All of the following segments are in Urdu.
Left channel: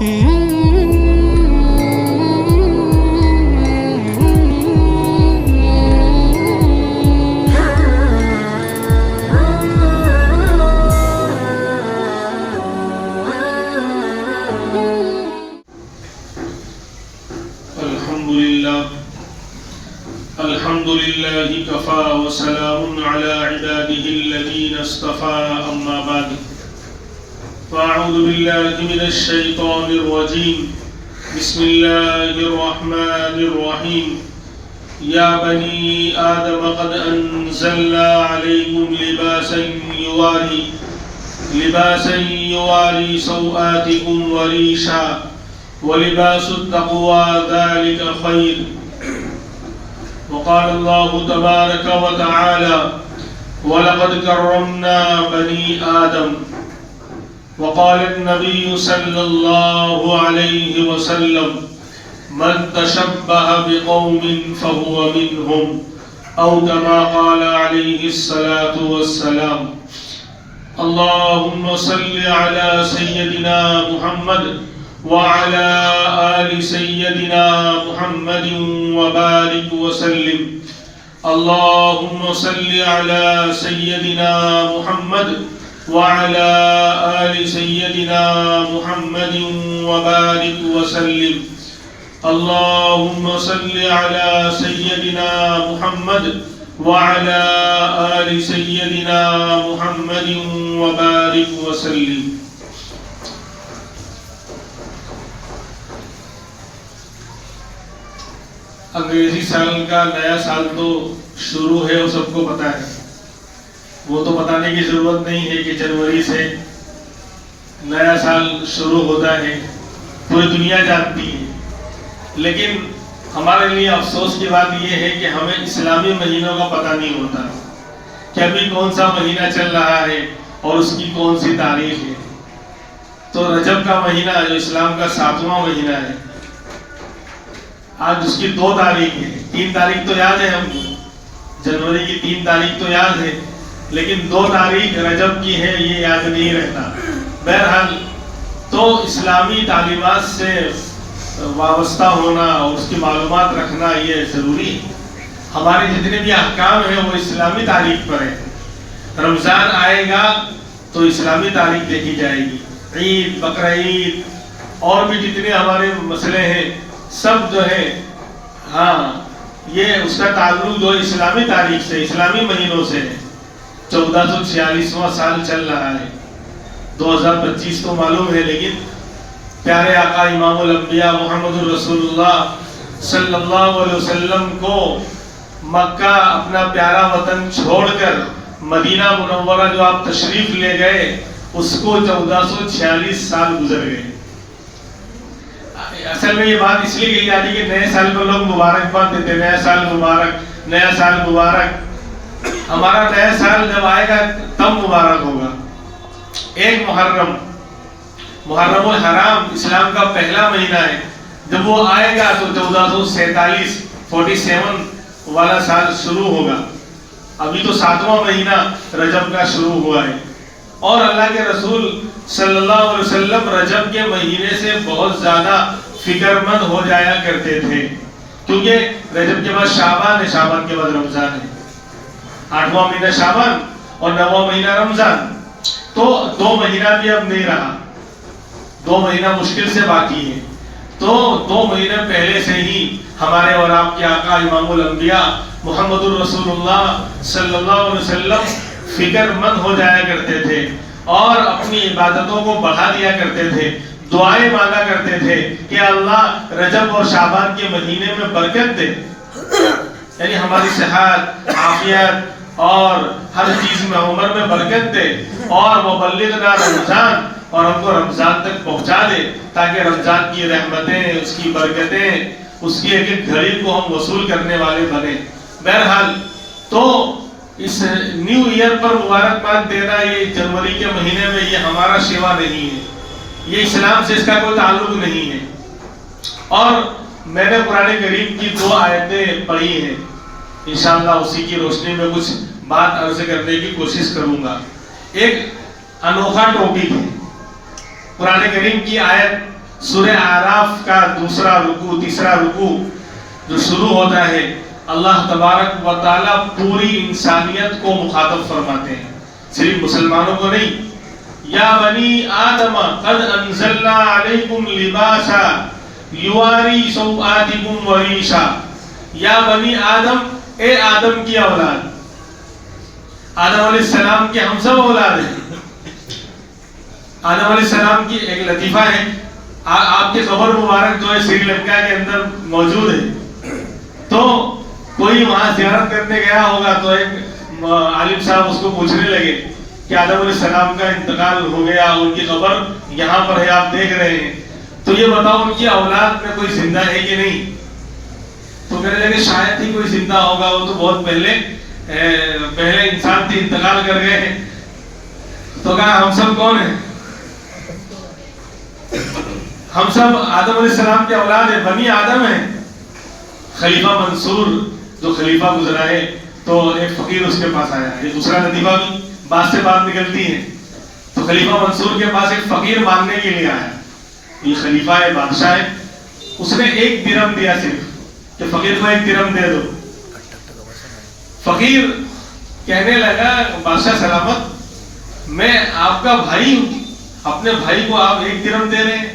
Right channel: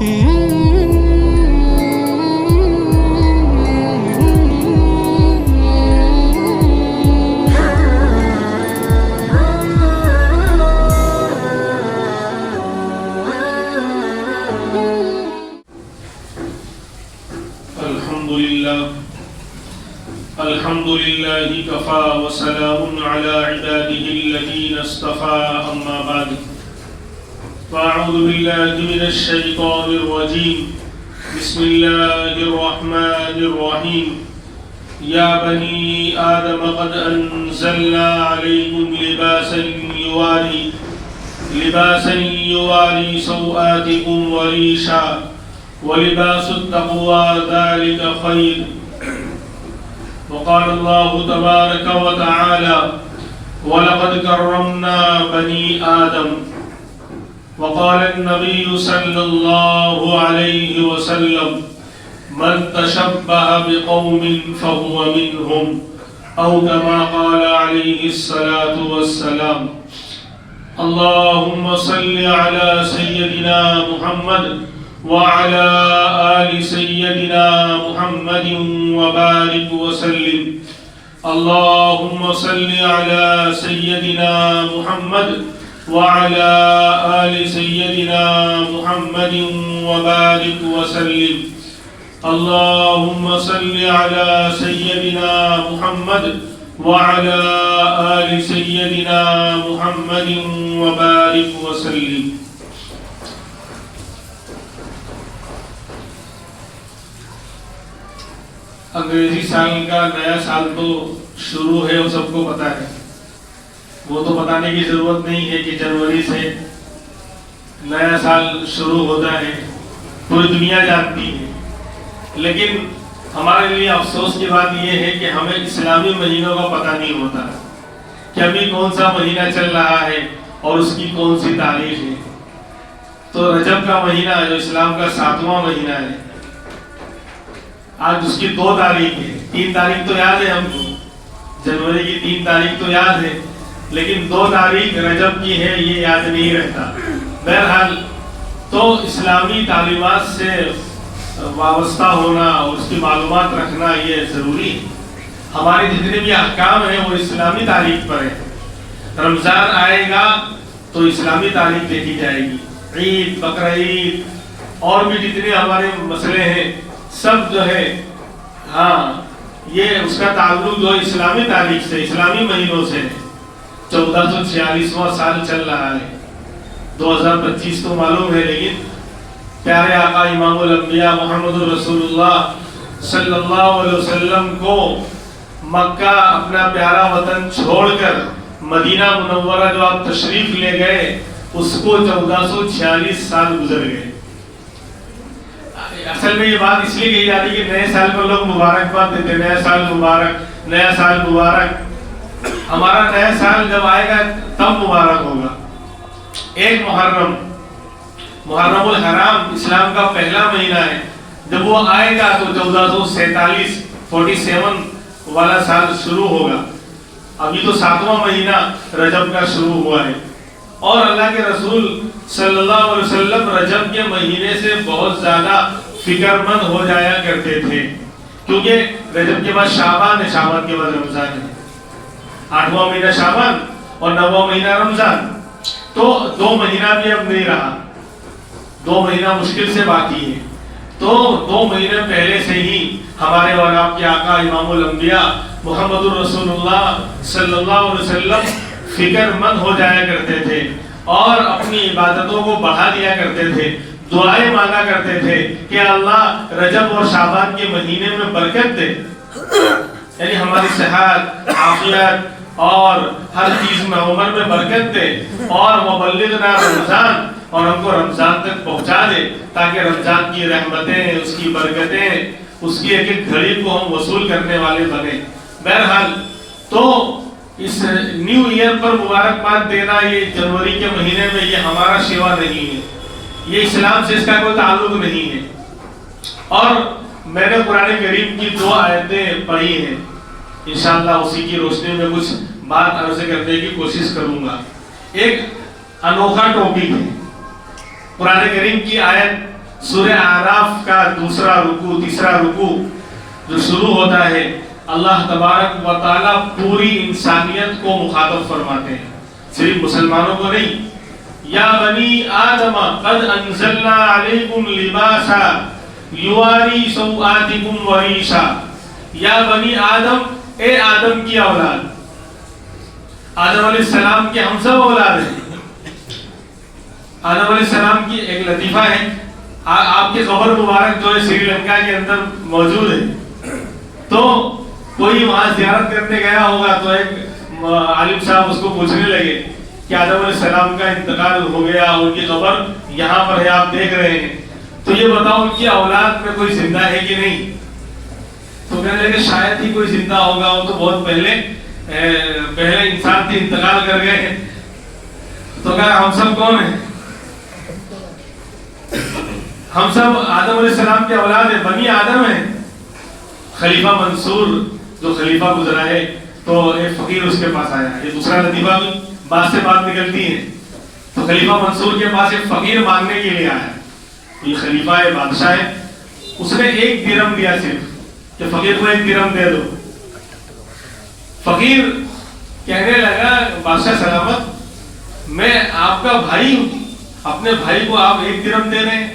الحمد لله كفى وسلام على عباده الذين اصطفى أما بعد فأعوذ بالله من الشيطان الرجيم بسم الله الرحمن الرحيم يا بني آدم قد أنزلنا عليكم لباسا يواري سوآتكم وريشا ولباس التقوى ذلك خير وقال الله تبارك وتعالى ولقد كرمنا بني آدم وقال النبي صلى الله عليه وسلم من تشبه بقوم فهو منهم أو كما قال عليه الصلاة والسلام اللهم صل على سيدنا محمد وعلى آل سيدنا محمد وبارك وسلم اللهم صل على سيدنا محمد وعلى آل سيدنا محمد وبارك وسلم اللهم صل على سيدنا محمد وعلى آل سيدنا محمد وبارك وسلم. انگریزی سال کا نیا سال تو شروع ہے، وہ سب کو پتا ہے، وہ تو بتانے کی ضرورت نہیں ہے کہ جنوری سے نیا سال شروع ہوتا ہے، پوری دنیا جانتی ہے. لیکن ہمارے لیے افسوس کی بات یہ ہے کہ ہمیں اسلامی مہینوں کا پتہ نہیں ہوتا کہ ابھی کون سا مہینہ چل رہا ہے اور اس کی کون سی تاریخ ہے. تو رجب کا مہینہ جو اسلام کا 7واں مہینہ ہے، آج اس کی 2 تاریخ ہے. 3 تاریخ تو یاد ہے ہم کو، جنوری کی 3 تاریخ تو یاد ہے، لیکن 2 تاریخ رجب کی ہے یہ یاد نہیں رہتا. بہرحال تو اسلامی تعلیمات سے وابستہ ہونا اور اس کی معلومات رکھنا یہ ضروری ہے. ہمارے جتنے بھی احکام ہیں وہ اسلامی تاریخ پر ہیں. رمضان آئے گا تو اسلامی تاریخ دیکھی جائے گی. عید، بقرعید اور بھی جتنے ہمارے مسئلے ہیں سب جو ہے یہ اس کا تعلق جو اسلامی تاریخ سے، اسلامی مہینوں سے ہے. 1446واں سال چل رہا ہے، 2025 تو معلوم ہے، لیکن پیارے آقا امام الانبیاء محمد رسول اللہ صلی اللہ علیہ وسلم کو مکہ اپنا پیارا وطن چھوڑ کر مدینہ منورہ جو آپ تشریف لے گئے اس کو 1446 سال گزر گئے. اصل میں یہ بات اس لیے کہی جاتی کہ نئے سال پر لوگ مبارکباد دیتے، نیا سال مبارک، نیا سال مبارک. ہمارا نیا سال جب آئے گا تب مبارک ہوگا. ایک محرم الحرام اسلام کا پہلا مہینہ ہے، جب وہ آئے گا تو 1447 والا سال شروع ہوگا. ابھی تو 7واں مہینہ رجب کا شروع ہوا ہے. اور اللہ کے رسول صلی اللہ علیہ وسلم رجب کے مہینے سے بہت زیادہ فکر مند ہو جایا کرتے تھے، کیونکہ رجب کے بعد شعبان ہے، شعبان کے بعد رمضان ہے. 8واں مہینہ شعبان اور 9واں مہینہ رمضان. تو 2 مہینہ بھی اب نہیں رہا، 2 مہینہ مشکل سے باقی ہے. تو 2 مہینے پہلے سے ہی ہمارے اور آپ کے آقا امام الانبیاء محمد الرسول اللہ صلی اللہ علیہ وسلم فکر مند ہو جایا کرتے تھے اور اپنی عبادتوں کو بڑھا دیا کرتے تھے. دعائیں مانگا کرتے تھے کہ اللہ رجب اور شعبان کے مہینے میں برکت دے، یعنی ہماری صحت، عافیت اور ہر چیز میں عمر میں برکت دے، اور وبلغنا رمضان، اور ہم کو رمضان تک پہنچا دے تاکہ رمضان کی رحمتیں، اس کی برکتیں، اس کی ایک ایک گھڑی کو ہم وصول کرنے والے بنے. بہرحال تو اس نیو ایئر پر مبارکباد دینا یہ جنوری کے مہینے میں یہ ہمارا شیوا نہیں ہے، یہ اسلام سے اس کا کوئی تعلق نہیں ہے. اور میں نے قرآن کریم کی 2 آیتیں پڑھی ہیں، انشاءاللہ اسی کی روشنی میں کچھ بات عرض کرنے کی کوشش کروں گا. ایک انوکھا ٹاپک ہے قرآن کریم کی آیت سورہ آراف کا دوسرا رکوع تیسرا رکوع جو شروع ہوتا ہے اللہ تبارک و تعالیٰ پوری انسانیت کو مخاطب فرماتے ہیں، صرف مسلمانوں کو نہیں۔ یا بنی آدم قد انزلنا علیکم لباسا یواری سوآتکم وریشا، یا بنی آدم، اے آدم کی اولاد، آدم علیہ السلام کے ہم سب اولاد ہیں۔ آدم علیہ السلام کی ایک لطیفہ ہے، آپ کے قبر مبارک جو ہے سری لنکا کے اندر موجود ہے، تو کوئی وہاں زیارت کرنے گیا ہوگا تو ایک عالم صاحب اس کو پوچھنے لگے کہ آدم علیہ السلام کا انتقال ہو گیا، ان کی قبر یہاں پر ہے، آپ دیکھ رہے ہیں، تو یہ بتاؤ ان کی اولاد میں کوئی زندہ ہے کہ نہیں؟ تو کہنے لگے شاید ہی کوئی زندہ ہوگا، وہ تو بہت پہلے انسان تھے، انتقال کر گئے ہیں۔ تو کہا ہم سب کون ہیں؟ ہم سب آدم علیہ السلام کے اولاد ہیں، بنی آدم ہیں۔ خلیفہ منصور جو خلیفہ گزرا ہے تو ایک فقیر اس کے پاس آیا، یہ دوسرا لطیفہ بھی بات سے بات نکلتی ہے۔ تو خلیفہ منصور کے پاس ایک فقیر مانگنے کے لیے آیا، یہ خلیفہ ہے، بادشاہ ہے، اس نے 1 درہم دیا صرف کہ فقیر کو 1 درہم دے دو۔ فقیر کہنے لگا بادشاہ سلامت، میں آپ کا بھائی ہوں، اپنے بھائی کو آپ 1 درہم دے رہے ہیں؟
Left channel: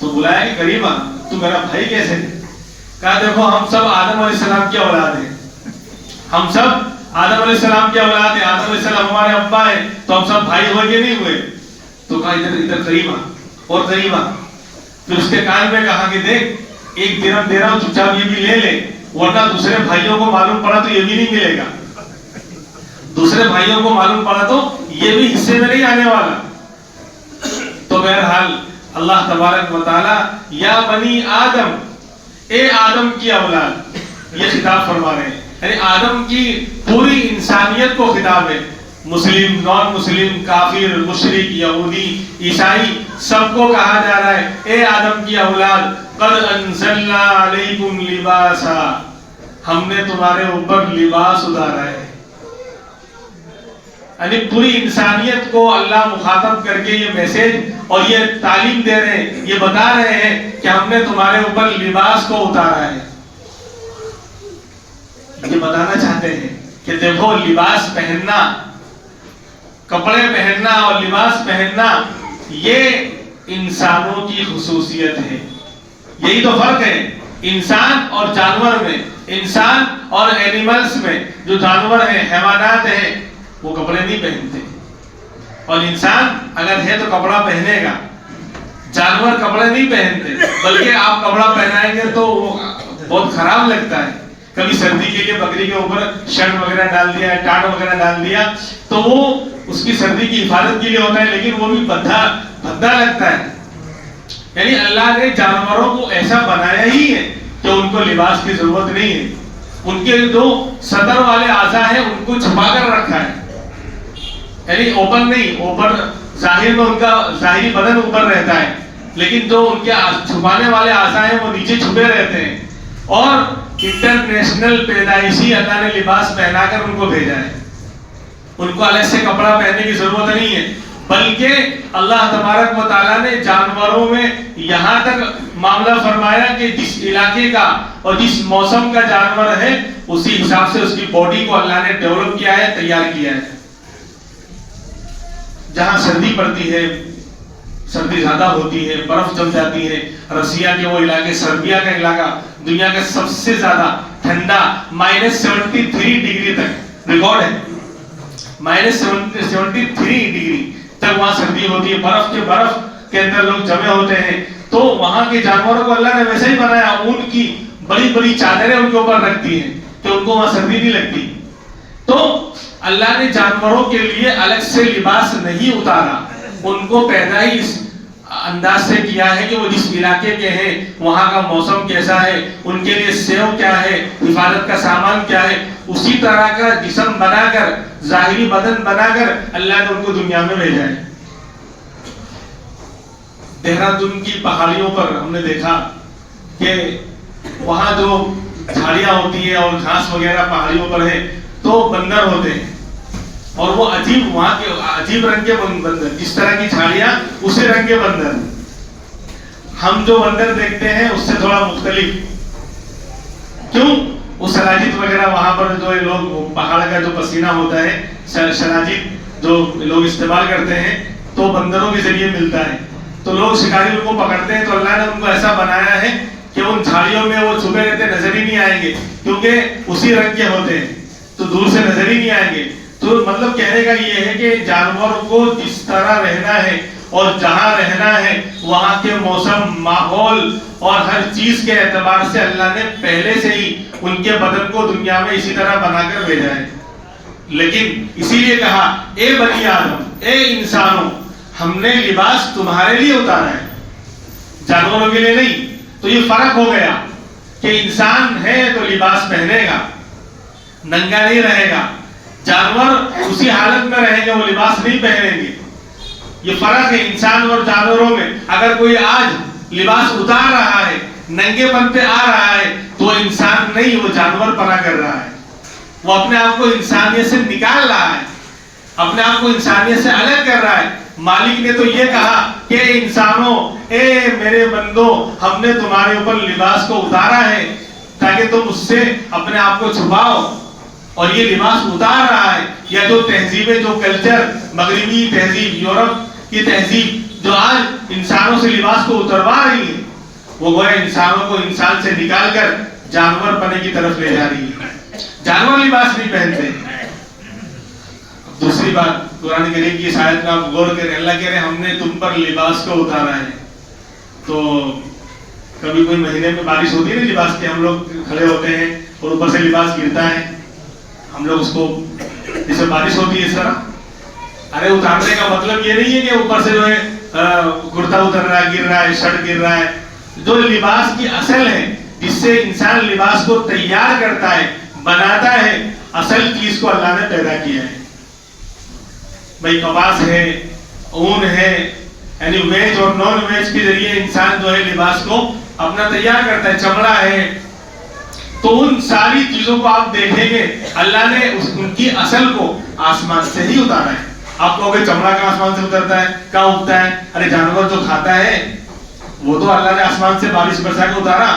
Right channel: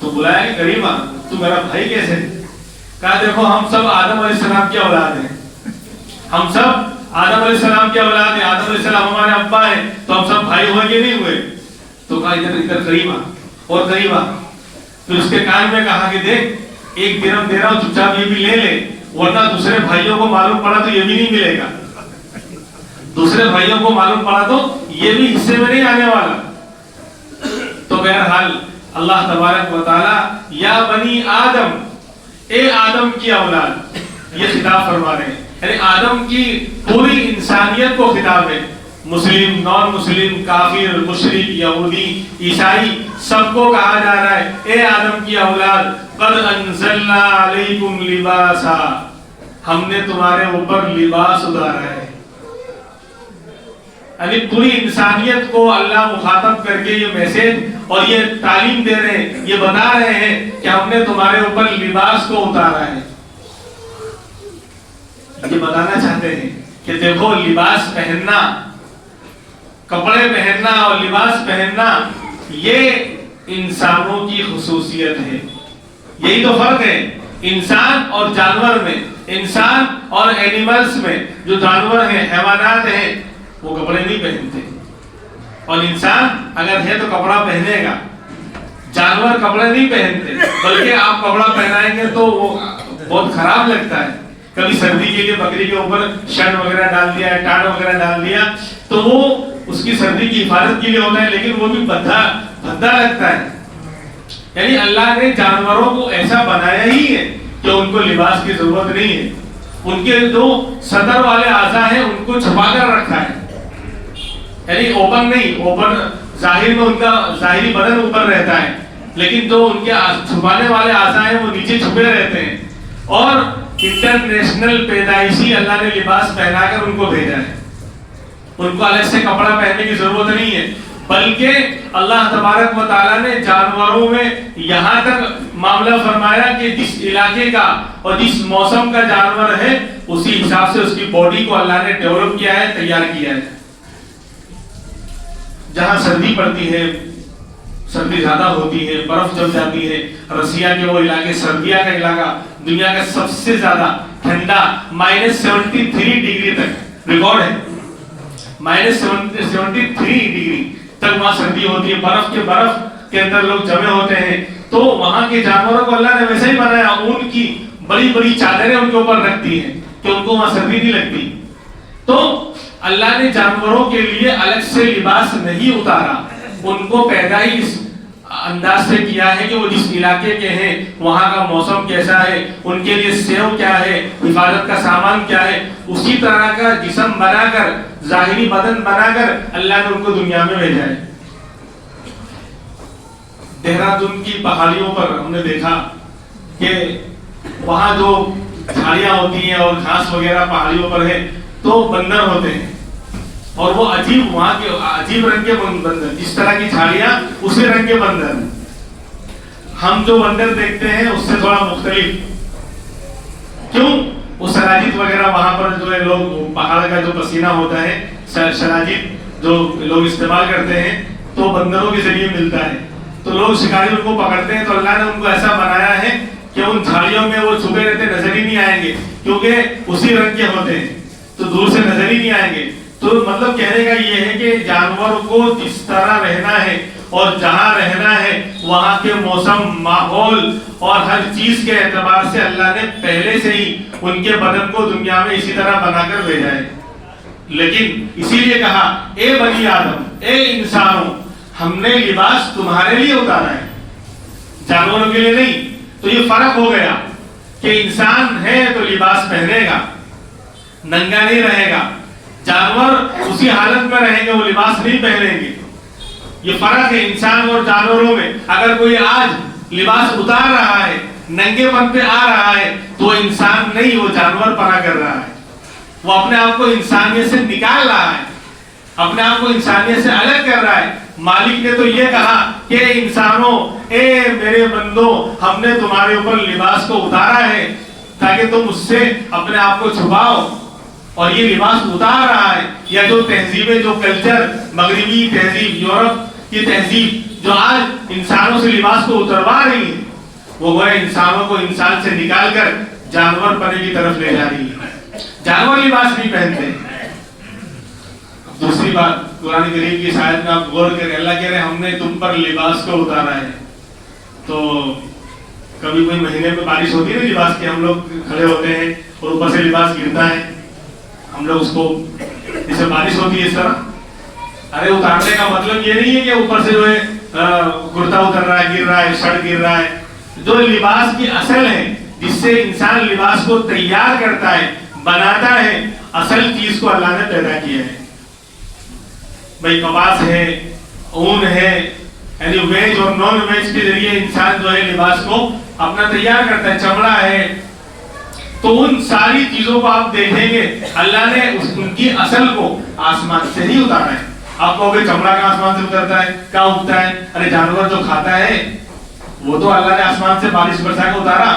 تو بلایا کہ کریمہ تو میرا بھائی کیسے؟ کہا دیکھو ہم سب آدم علیہ السلام کی اولاد ہیں، ہم سب آدم علیہ السلام کی اولاد ہیں، آدم علیہ السلام ہمارے ابا ہیں، تو ہم سب بھائی ہوئے کہ نہیں ہوئے؟ تو کہا ادھر قریب آ اور قریب آ۔ پھر اس کے کان میں کہا کہ دیکھ 1 درہم دے رہا ہوں، چپ چاپ یہ بھی لے لے، ورنہ دوسرے بھائیوں کو معلوم پڑا تو یہ بھی نہیں ملے گا، دوسرے بھائیوں کو معلوم پڑا تو یہ بھی حصے میں نہیں آنے والا۔ تو بہرحال اللہ تبارک و تعالی یا بنی آدم، اے آدم کی اولاد، یہ خطاب فرما رہے ہیں، یعنی آدم کی پوری انسانیت کو خطاب ہے، مسلم، نان مسلم، کافر، مشرک، یہودی، عیسائی، سب کو کہا جا رہا ہے اے آدم کی اولاد قد انزلنا علیکم لباسا، ہم نے تمہارے اوپر لباس اتارا ہے۔ یعنی پوری انسانیت کو اللہ مخاطب کر کے یہ میسج اور یہ تعلیم دے رہے ہیں، یہ بتا رہے ہیں کہ ہم نے تمہارے اوپر لباس کو اتارا ہے۔ یہ بتانا چاہتے ہیں کہ دیکھو لباس پہننا، کپڑے پہننا اور لباس پہننا یہ انسانوں کی خصوصیت ہے۔ یہی تو فرق ہے انسان اور جانور میں، انسان اور اینیملز میں۔ جو جانور ہیں، حیوانات ہیں، وہ کپڑے نہیں پہنتے، اور انسان اگر ہے تو کپڑا پہنے گا۔ جانور کپڑے نہیں پہنتے، بلکہ آپ کپڑا پہنائیں گے تو وہ بہت خراب لگتا ہے۔ کبھی سردی کے لیے بکری کے اوپر شرٹ وغیرہ ڈال دیا، ٹاٹ وغیرہ ڈال دیا تو وہ اس کی سردی کی حفاظت کے لیے ہوتا ہے، لیکن وہ بھی بھدا لگتا ہے۔ یعنی اللہ نے جانوروں کو ایسا بنایا ہی ہے کہ ان کو لباس کی ضرورت نہیں ہے۔ ان کے جو سطر والے اعضاء ہیں ان کو چھپا کر رکھا ہے، یعنی اوپن نہیں، اوپن ظاہر میں ان کا ظاہری بدن اوپر رہتا ہے، لیکن جو ان کے چھپانے والے اعضاء ہیں وہ نیچے چھپے رہتے ہیں۔ اور انٹرنیشنل پیدائشی اللہ نے لباس پہنا کر ان کو بھیجا ہے، ان کو الگ سے کپڑا پہننے کی ضرورت نہیں ہے، بلکہ اللہ تبارک و تعالیٰ نے جانوروں میں یہاں تک معاملہ فرمایا کہ جس علاقے کا اور جس موسم کا جانور ہے اسی حساب سے اس کی باڈی کو اللہ نے ڈیولپ کیا ہے، تیار کیا ہے۔ جہاں سردی پڑتی ہے، سردی زیادہ ہوتی ہے، برف جم جاتی ہے، رسیا کے وہ علاقے، سربیا کا علاقہ دنیا کا سب سے زیادہ ٹھنڈا -73 ڈگری تک ریکارڈ ہے، -73 ڈگری تک وہاں سردی ہوتی ہے، برف کے اندر لوگ جمع ہوتے ہیں۔ تو وہاں کے جانوروں کو اللہ نے ویسے ہی بنایا، اون کی بڑی بڑی چادریں ان کے اوپر رکھتی ہیں کہ ان کو وہاں سردی نہیں لگتی۔ تو اللہ نے جانوروں کے لیے الگ سے لباس نہیں اتارا، ان کو پیدا ہی اس انداز سے کیا ہے کہ وہ جس علاقے کے ہیں وہاں کا موسم کیسا ہے، ان کے لیے سیو کیا ہے، حفاظت کا سامان کیا ہے، اسی طرح کا جسم بنا کر، ظاہری بدن بنا کر اللہ نے ان کو دنیا میں بھیجا ہے۔ دہرادون کی پہاڑیوں پر ہم نے دیکھا کہ وہاں جو جھاڑیاں ہوتی ہیں اور گھاس وغیرہ پہاڑیوں پر ہے تو بندر ہوتے ہیں، اور وہ عجیب وہاں کے عجیب رنگ کے بندر، جس طرح کی جھاڑیاں اسی رنگ کے بندر، ہم جو بندر دیکھتے ہیں اس سے تھوڑا مختلف. کیوں؟ وہ سلاجید وغیرہ وہاں پر جو ہے لوگ پہاڑ کا جو پسینہ ہوتا ہے سلاجید جو لوگ استعمال کرتے ہیں تو بندروں کے ذریعے ملتا ہے. تو لوگ شکاری ان کو پکڑتے ہیں تو اللہ نے ان کو ایسا بنایا ہے کہ ان جھاڑیوں میں وہ چھپے رہتے نظر ہی نہیں آئیں گے کیونکہ اسی رنگ کے ہوتے ہیں تو دور سے نظر ہی نہیں آئیں گے. تو مطلب کہنے کا یہ ہے کہ جانور کو جس طرح رہنا ہے اور جہاں رہنا ہے وہاں کے موسم ماحول اور ہر چیز کے اعتبار سے اللہ نے پہلے سے ہی ان کے بدن کو دنیا میں اسی طرح بنا کر بھیجا ہے. لیکن اسی لیے کہا اے بنی آدم، اے انسانوں، ہم نے لباس تمہارے لیے اتارا ہے، جانوروں کے لیے نہیں. تو یہ فرق ہو گیا کہ انسان ہے تو لباس پہنے گا، ننگا نہیں رہے گا. جانور اسی حالت میں رہیں گے، وہ لباس نہیں پہنیں گے. یہ فرق ہے انسان اور جانوروں میں. اگر کوئی آج لباس اتار رہا ہے، ننگے پن پہ آ رہا ہے تو وہ انسان نہیں، وہ جانور پنا کر رہا ہے. وہ اپنے آپ کو انسانیت سے نکال رہا ہے، اپنے آپ کو انسانیت سے الگ کر رہا ہے. مالک نے تو یہ کہا کہ انسانوں، اے میرے بندو، ہم نے تمہارے اوپر لباس کو اتارا ہے تاکہ تم اس سے اپنے آپ کو چھپاؤ. اور یہ لباس اتار رہا ہے. یا جو تہذیبیں، جو کلچر، مغربی تہذیب، یورپ کی تہذیب جو آج انسانوں سے لباس کو اتروا رہی ہے، وہ گویا انسانوں کو انسان سے نکال کر جانور پنے کی طرف لے جا رہی ہے. جانور لباس نہیں پہنتے. دوسری بات، قرآن کریم کی آیت میں آپ غور کریں، اللہ کہہ رہے ہیں ہم نے تم پر لباس کو اتارا ہے. تو کبھی کوئی مہینے میں بارش ہوتی ہے نا لباس کی، ہم لوگ کھڑے ہوتے ہیں اور اوپر سے لباس گرتا ہے، ہم لوگ اس کو جیسے بارش ہوتی ہے اس طرح. ارے اتارنے کا مطلب یہ نہیں ہے کہ اوپر سے جو ہے کرتا اتر رہا ہے، گر رہا ہے، شرٹ گر رہا ہے. جو لباس کی اصل ہے جس سے انسان لباس کو تیار کرتا ہے، بناتا ہے، اصل چیز کو اللہ نے پیدا کیا ہے. بھائی کپاس ہے، اون ہے، یعنی ویج اور نان ویج کے ذریعے انسان جو ہے لباس کو اپنا تیار کرتا ہے. چمڑا ہے. تو ان ساری چیزوں کو آپ دیکھیں گے اللہ نے ان کی اصل کو آسمان سے ہی اتارا ہے. آپ کہو گے چمڑا کا آسمان سے اترتا ہے، کہاں اگتا ہے؟ ارے جانور جو کھاتا ہے وہ تو اللہ نے آسمان سے بارش برسا کے اتارا.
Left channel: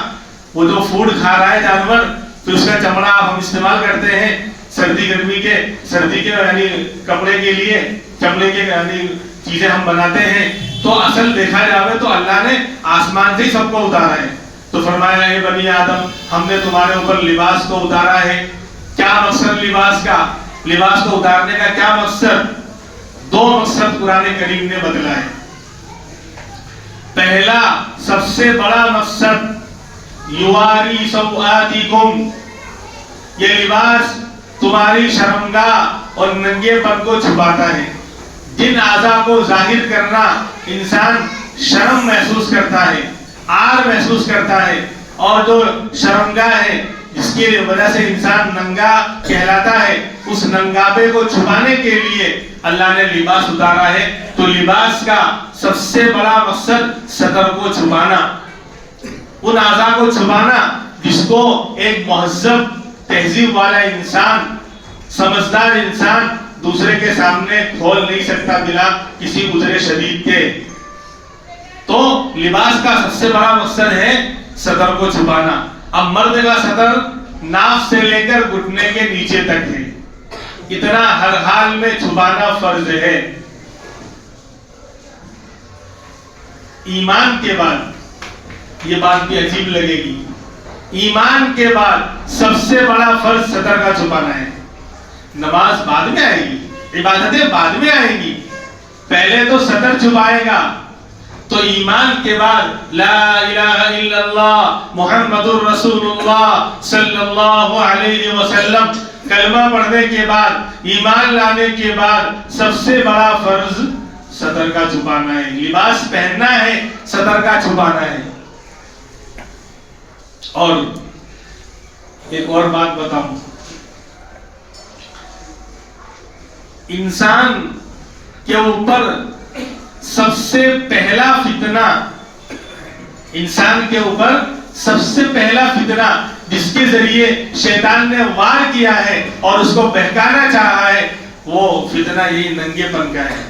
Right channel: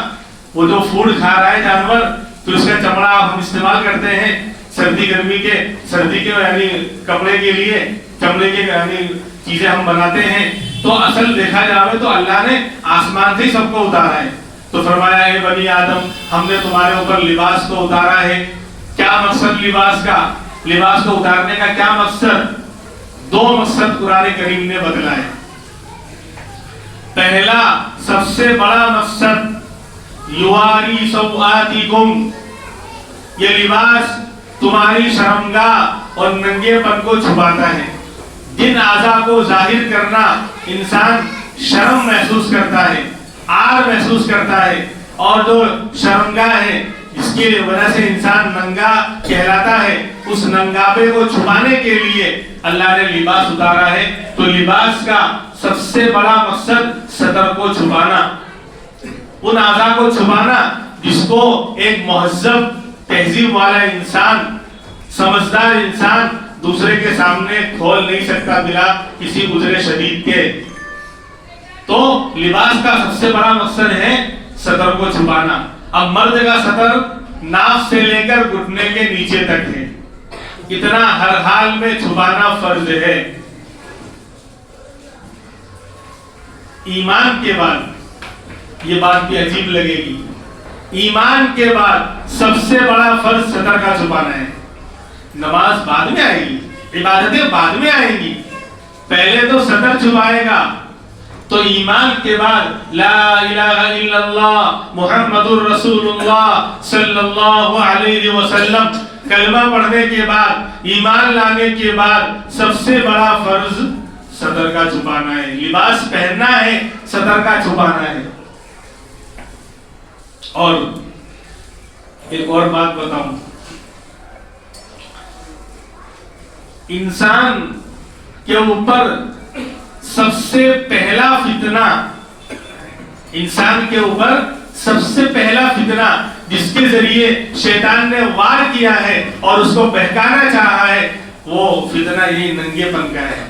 وہ جو فوڈ کھا رہا ہے جانور، تو اس کا چمڑا ہم استعمال کرتے ہیں سردی گرمی کے، سردی کے یعنی کپڑے کے لیے، چمڑے کے یعنی چیزیں ہم بناتے ہیں. تو اصل دیکھا جائے تو اللہ نے آسمان سے ہی سب کو اتارا ہے. تو فرمایا اے بنی آدم، ہم نے تمہارے اوپر لباس کو اتارا ہے. کیا مقصد لباس کا؟ لباس کو اتارنے کا کیا مقصد؟ دو مقصد قرآن کریم نے بتلا ہے. پہلا سب سے بڑا مقصد یواری سوآتکم، یہ لباس تمہاری شرمگاہ اور ننگے پن کو چھپاتا ہے. جن اعضاء کو ظاہر کرنا انسان شرم محسوس کرتا ہے، عار محسوس کرتا ہے، اور جو شرمگاہ ہے جس کی وجہ سے انسان ننگا کہلاتا ہے، اس ننگاپے کو چھپانے کے لیے اللہ نے لباس اتارا ہے. تو لباس کا سب سے بڑا مقصد صدر کو چھپانا، ان اعضاء کو چھپانا جس کو ایک مہذب تہذیب والا انسان، سمجھدار انسان دوسرے کے سامنے کھول نہیں سکتا بلا کسی گزرے شدید کے. تو لباس کا سب سے بڑا مقصد ہے صدر کو چھپانا. اب مرد کا صدر ناف سے لے کر گھٹنے کے نیچے تک ہے، اتنا ہر حال میں چھپانا فرض ہے. ایمان کے بعد یہ بات بھی عجیب لگے گی، ایمان کے بعد سب سے بڑا فرض صدر کا چھپانا ہے. نماز بعد میں آئے گی، عبادتیں بعد میں آئیں گی، پہلے تو صدر چھپائے گا. تو ایمان کے بعد لا الہ الا اللہ محمد الرسول اللہ صلی اللہ علیہ وسلم کلمہ پڑھنے کے بعد، ایمان لانے کے بعد سب سے بڑا فرض صدر کا چھپانا ہے. لباس پہننا ہے، صدر کا چھپانا ہے. اور ایک اور بات بتاؤں، انسان کے اوپر سب سے پہلا فتنہ، انسان کے اوپر سب سے پہلا فتنہ جس کے ذریعے شیطان نے وار کیا ہے اور اس کو بہکانا چاہا ہے، وہ فتنہ یہی ننگے پن کا ہے.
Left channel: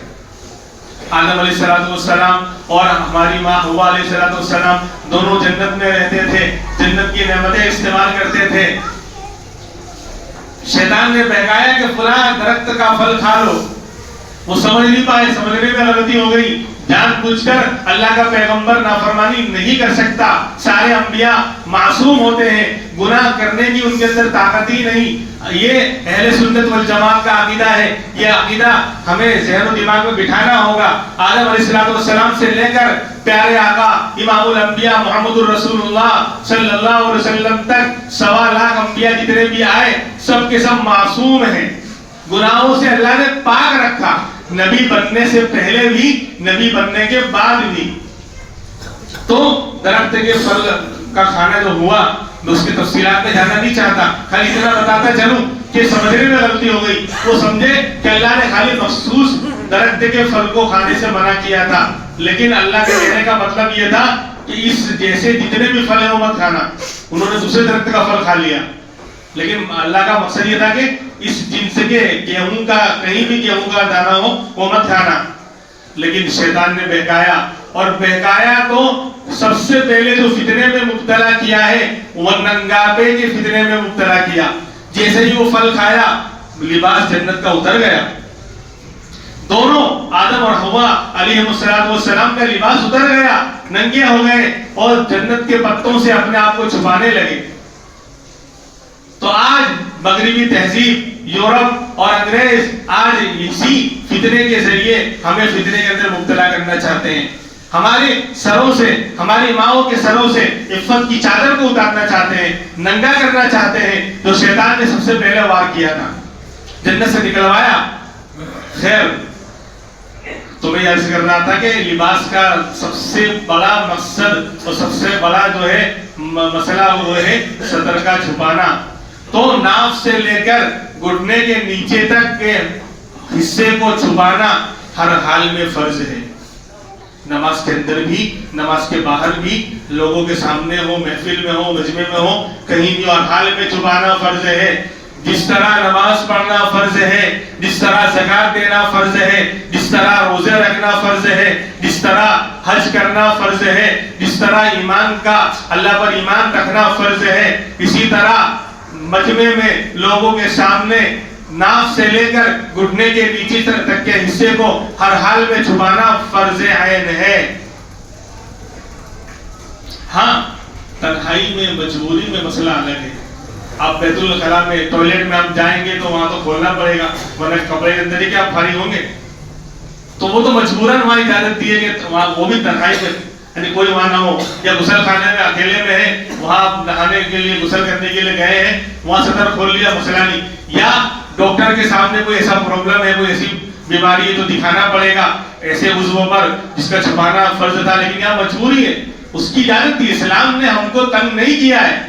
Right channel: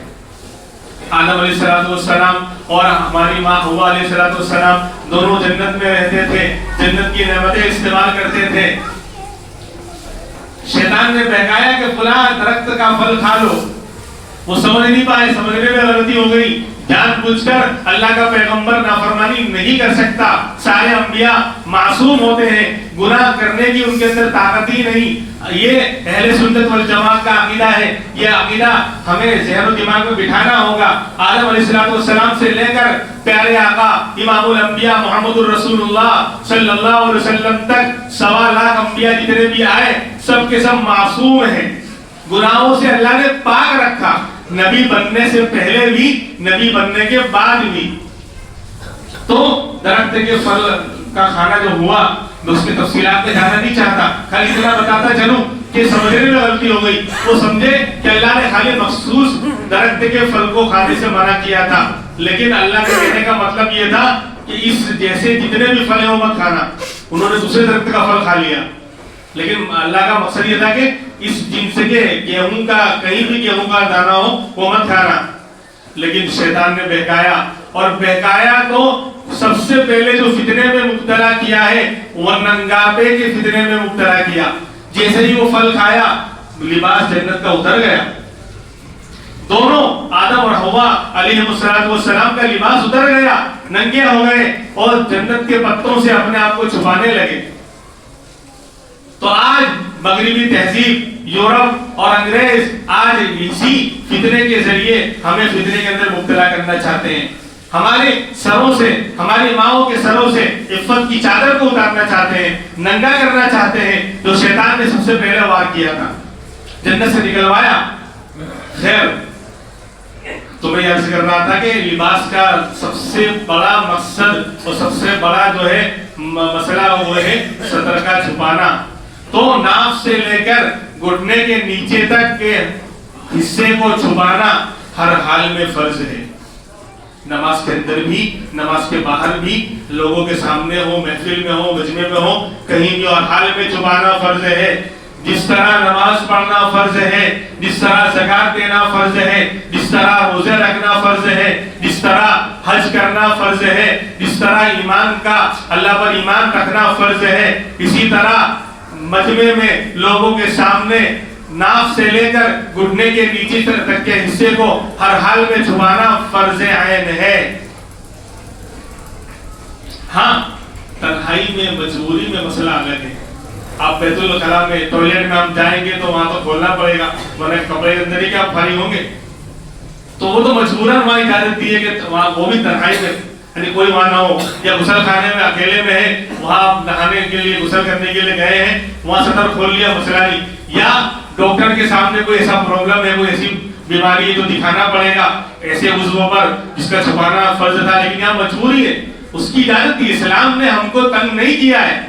آدم علیہ السلام اور ہماری ماں حوا علیہ السلام دونوں جنت میں رہتے تھے، جنت کی نعمتیں استعمال کرتے تھے. شیطان نے بہکایا کہ فلاں درخت کا پھل کھا لو، وہ سمجھ نہیں پائے، سمجھنے میں غلطی ہو گئی. جان بوجھ کر اللہ کا پیغمبر نافرمانی نہیں کر سکتا. سارے انبیاء معصوم ہوتے ہیں، گناہ کرنے کی ان کے اندر طاقت ہی نہیں. یہ اہل سنت والجماعت کا عقیدہ ہے. یہ عقیدہ ہمیں ذہن و دماغ میں بٹھانا ہوگا. آدم علیہ السلام سے لے کر پیارے آقا امام الانبیاء محمد الرسول اللہ صلی اللہ علیہ وسلم تک 1.25 لاکھ انبیاء جتنے بھی آئے سب کے سب معصوم ہیں. گناہوں سے اللہ نے پاک رکھا، نبی بننے سے پہلے بھی، نبی بننے کے بعد بھی. تو درخت کے پھل کا کھانا جو ہوا، میں اس کی تفصیلات میں جانا نہیں چاہتا، خالی اتنا بتاتا چلوں کہ سمجھنے میں غلطی ہو گئی. وہ سمجھے کہ اللہ نے خالی مخصوص درخت کے پھل کو کھانے سے منع کیا تھا، لیکن اللہ کے کہنے کا مطلب یہ تھا کہ اس جیسے جتنے بھی پھل ہیں وہ مت کھانا. انہوں نے دوسرے درخت کا پھل کھا لیا، لیکن اللہ کا مقصد یہ تھا کہ اس جنس کے گیہوں کا، کہیں بھی گیہوں کا دانہ ہو وہ مت کھانا. لیکن شیطان نے بہکایا، اور بہکایا تو سب سے پہلے جو فتنے میں مبتلا کیا ہے وہ ننگاپے کے فتنے میں مبتلا کیا. جیسے ہی وہ پھل کھایا لباس جنت کا اتر گیا. دونوں آدم اور حوا علیہ السلام کا لباس اتر گیا، ننگے ہو گئے اور جنت کے پتوں سے اپنے آپ کو چھپانے لگے. تو آج مغربی تہذیب، یورپ اور انگریز آج اسی فتنے کے ذریعے ہمیں فتنے کے اندر مبتلا کرنا چاہتے ہیں. ہمارے سروں سے، ہماری ماؤں کے سروں سے عفت کی چادر کو اتارنا چاہتے ہیں، ننگا کرنا چاہتے ہیں، جو شیطان نے سب سے پہلے وار کیا تھا، جنت سے نکلوایا. خیر، تو میں عرض کر رہا تھا کہ لباس کا سب سے بڑا مقصد اور سب سے بڑا جو ہے مسئلہ وہ ہے ستر کا چھپانا. تو ناف سے لے کر گھٹنے کے نیچے تک کے حصے کو چھپانا ہر حال میں فرض ہے. نماز کے اندر بھی، نماز کے باہر بھی، لوگوں کے سامنے ہو، محفل میں ہو، مجمع میں ہو، کہیں بھی اور حال میں چھپانا فرض ہے. جس طرح نماز پڑھنا فرض ہے، جس طرح زکات دینا فرض ہے، جس طرح روزے رکھنا فرض ہے، جس طرح حج کرنا فرض ہے، جس طرح ایمان کا، اللہ پر ایمان رکھنا فرض ہے، اسی طرح مجمع میں لوگوں کے سامنے ناف سے لے کر گھٹنے کے نیچے تک کے حصے کو ہر حال میں چھپانا فرض عین ہے. ہاں، تنہائی میں، مجبوری میں مسئلہ الگ ہے. آپ بیت الخلاء میں، ٹوائلٹ میں آپ جائیں گے تو وہاں تو کھولنا پڑے گا، ورنہ کپڑے کے اندر ہی کیا آپ فارغ ہوں گے. تو وہ تو مجبوراً ہماری اجازت دی ہے کہ وہ بھی تنہائی میں، یعنی کوئی وہاں نہ ہو، یا غسل خانے میں اکیلے میں ہے، وہاں نہانے کے لیے، غسل کرنے کے لیے گئے ہیں، وہاں سطر کھول لیا، مسئلہ نہیں. یا ڈاکٹر کے سامنے کوئی ایسا پرابلم ہے، کوئی ایسی بیماری ہے تو دکھانا پڑے گا ایسے عضو پر جس کا چھپانا فرض تھا، لیکن یہاں مجبوری ہے، اس کی اجازت دی. اسلام نے ہم کو تنگ نہیں کیا ہے.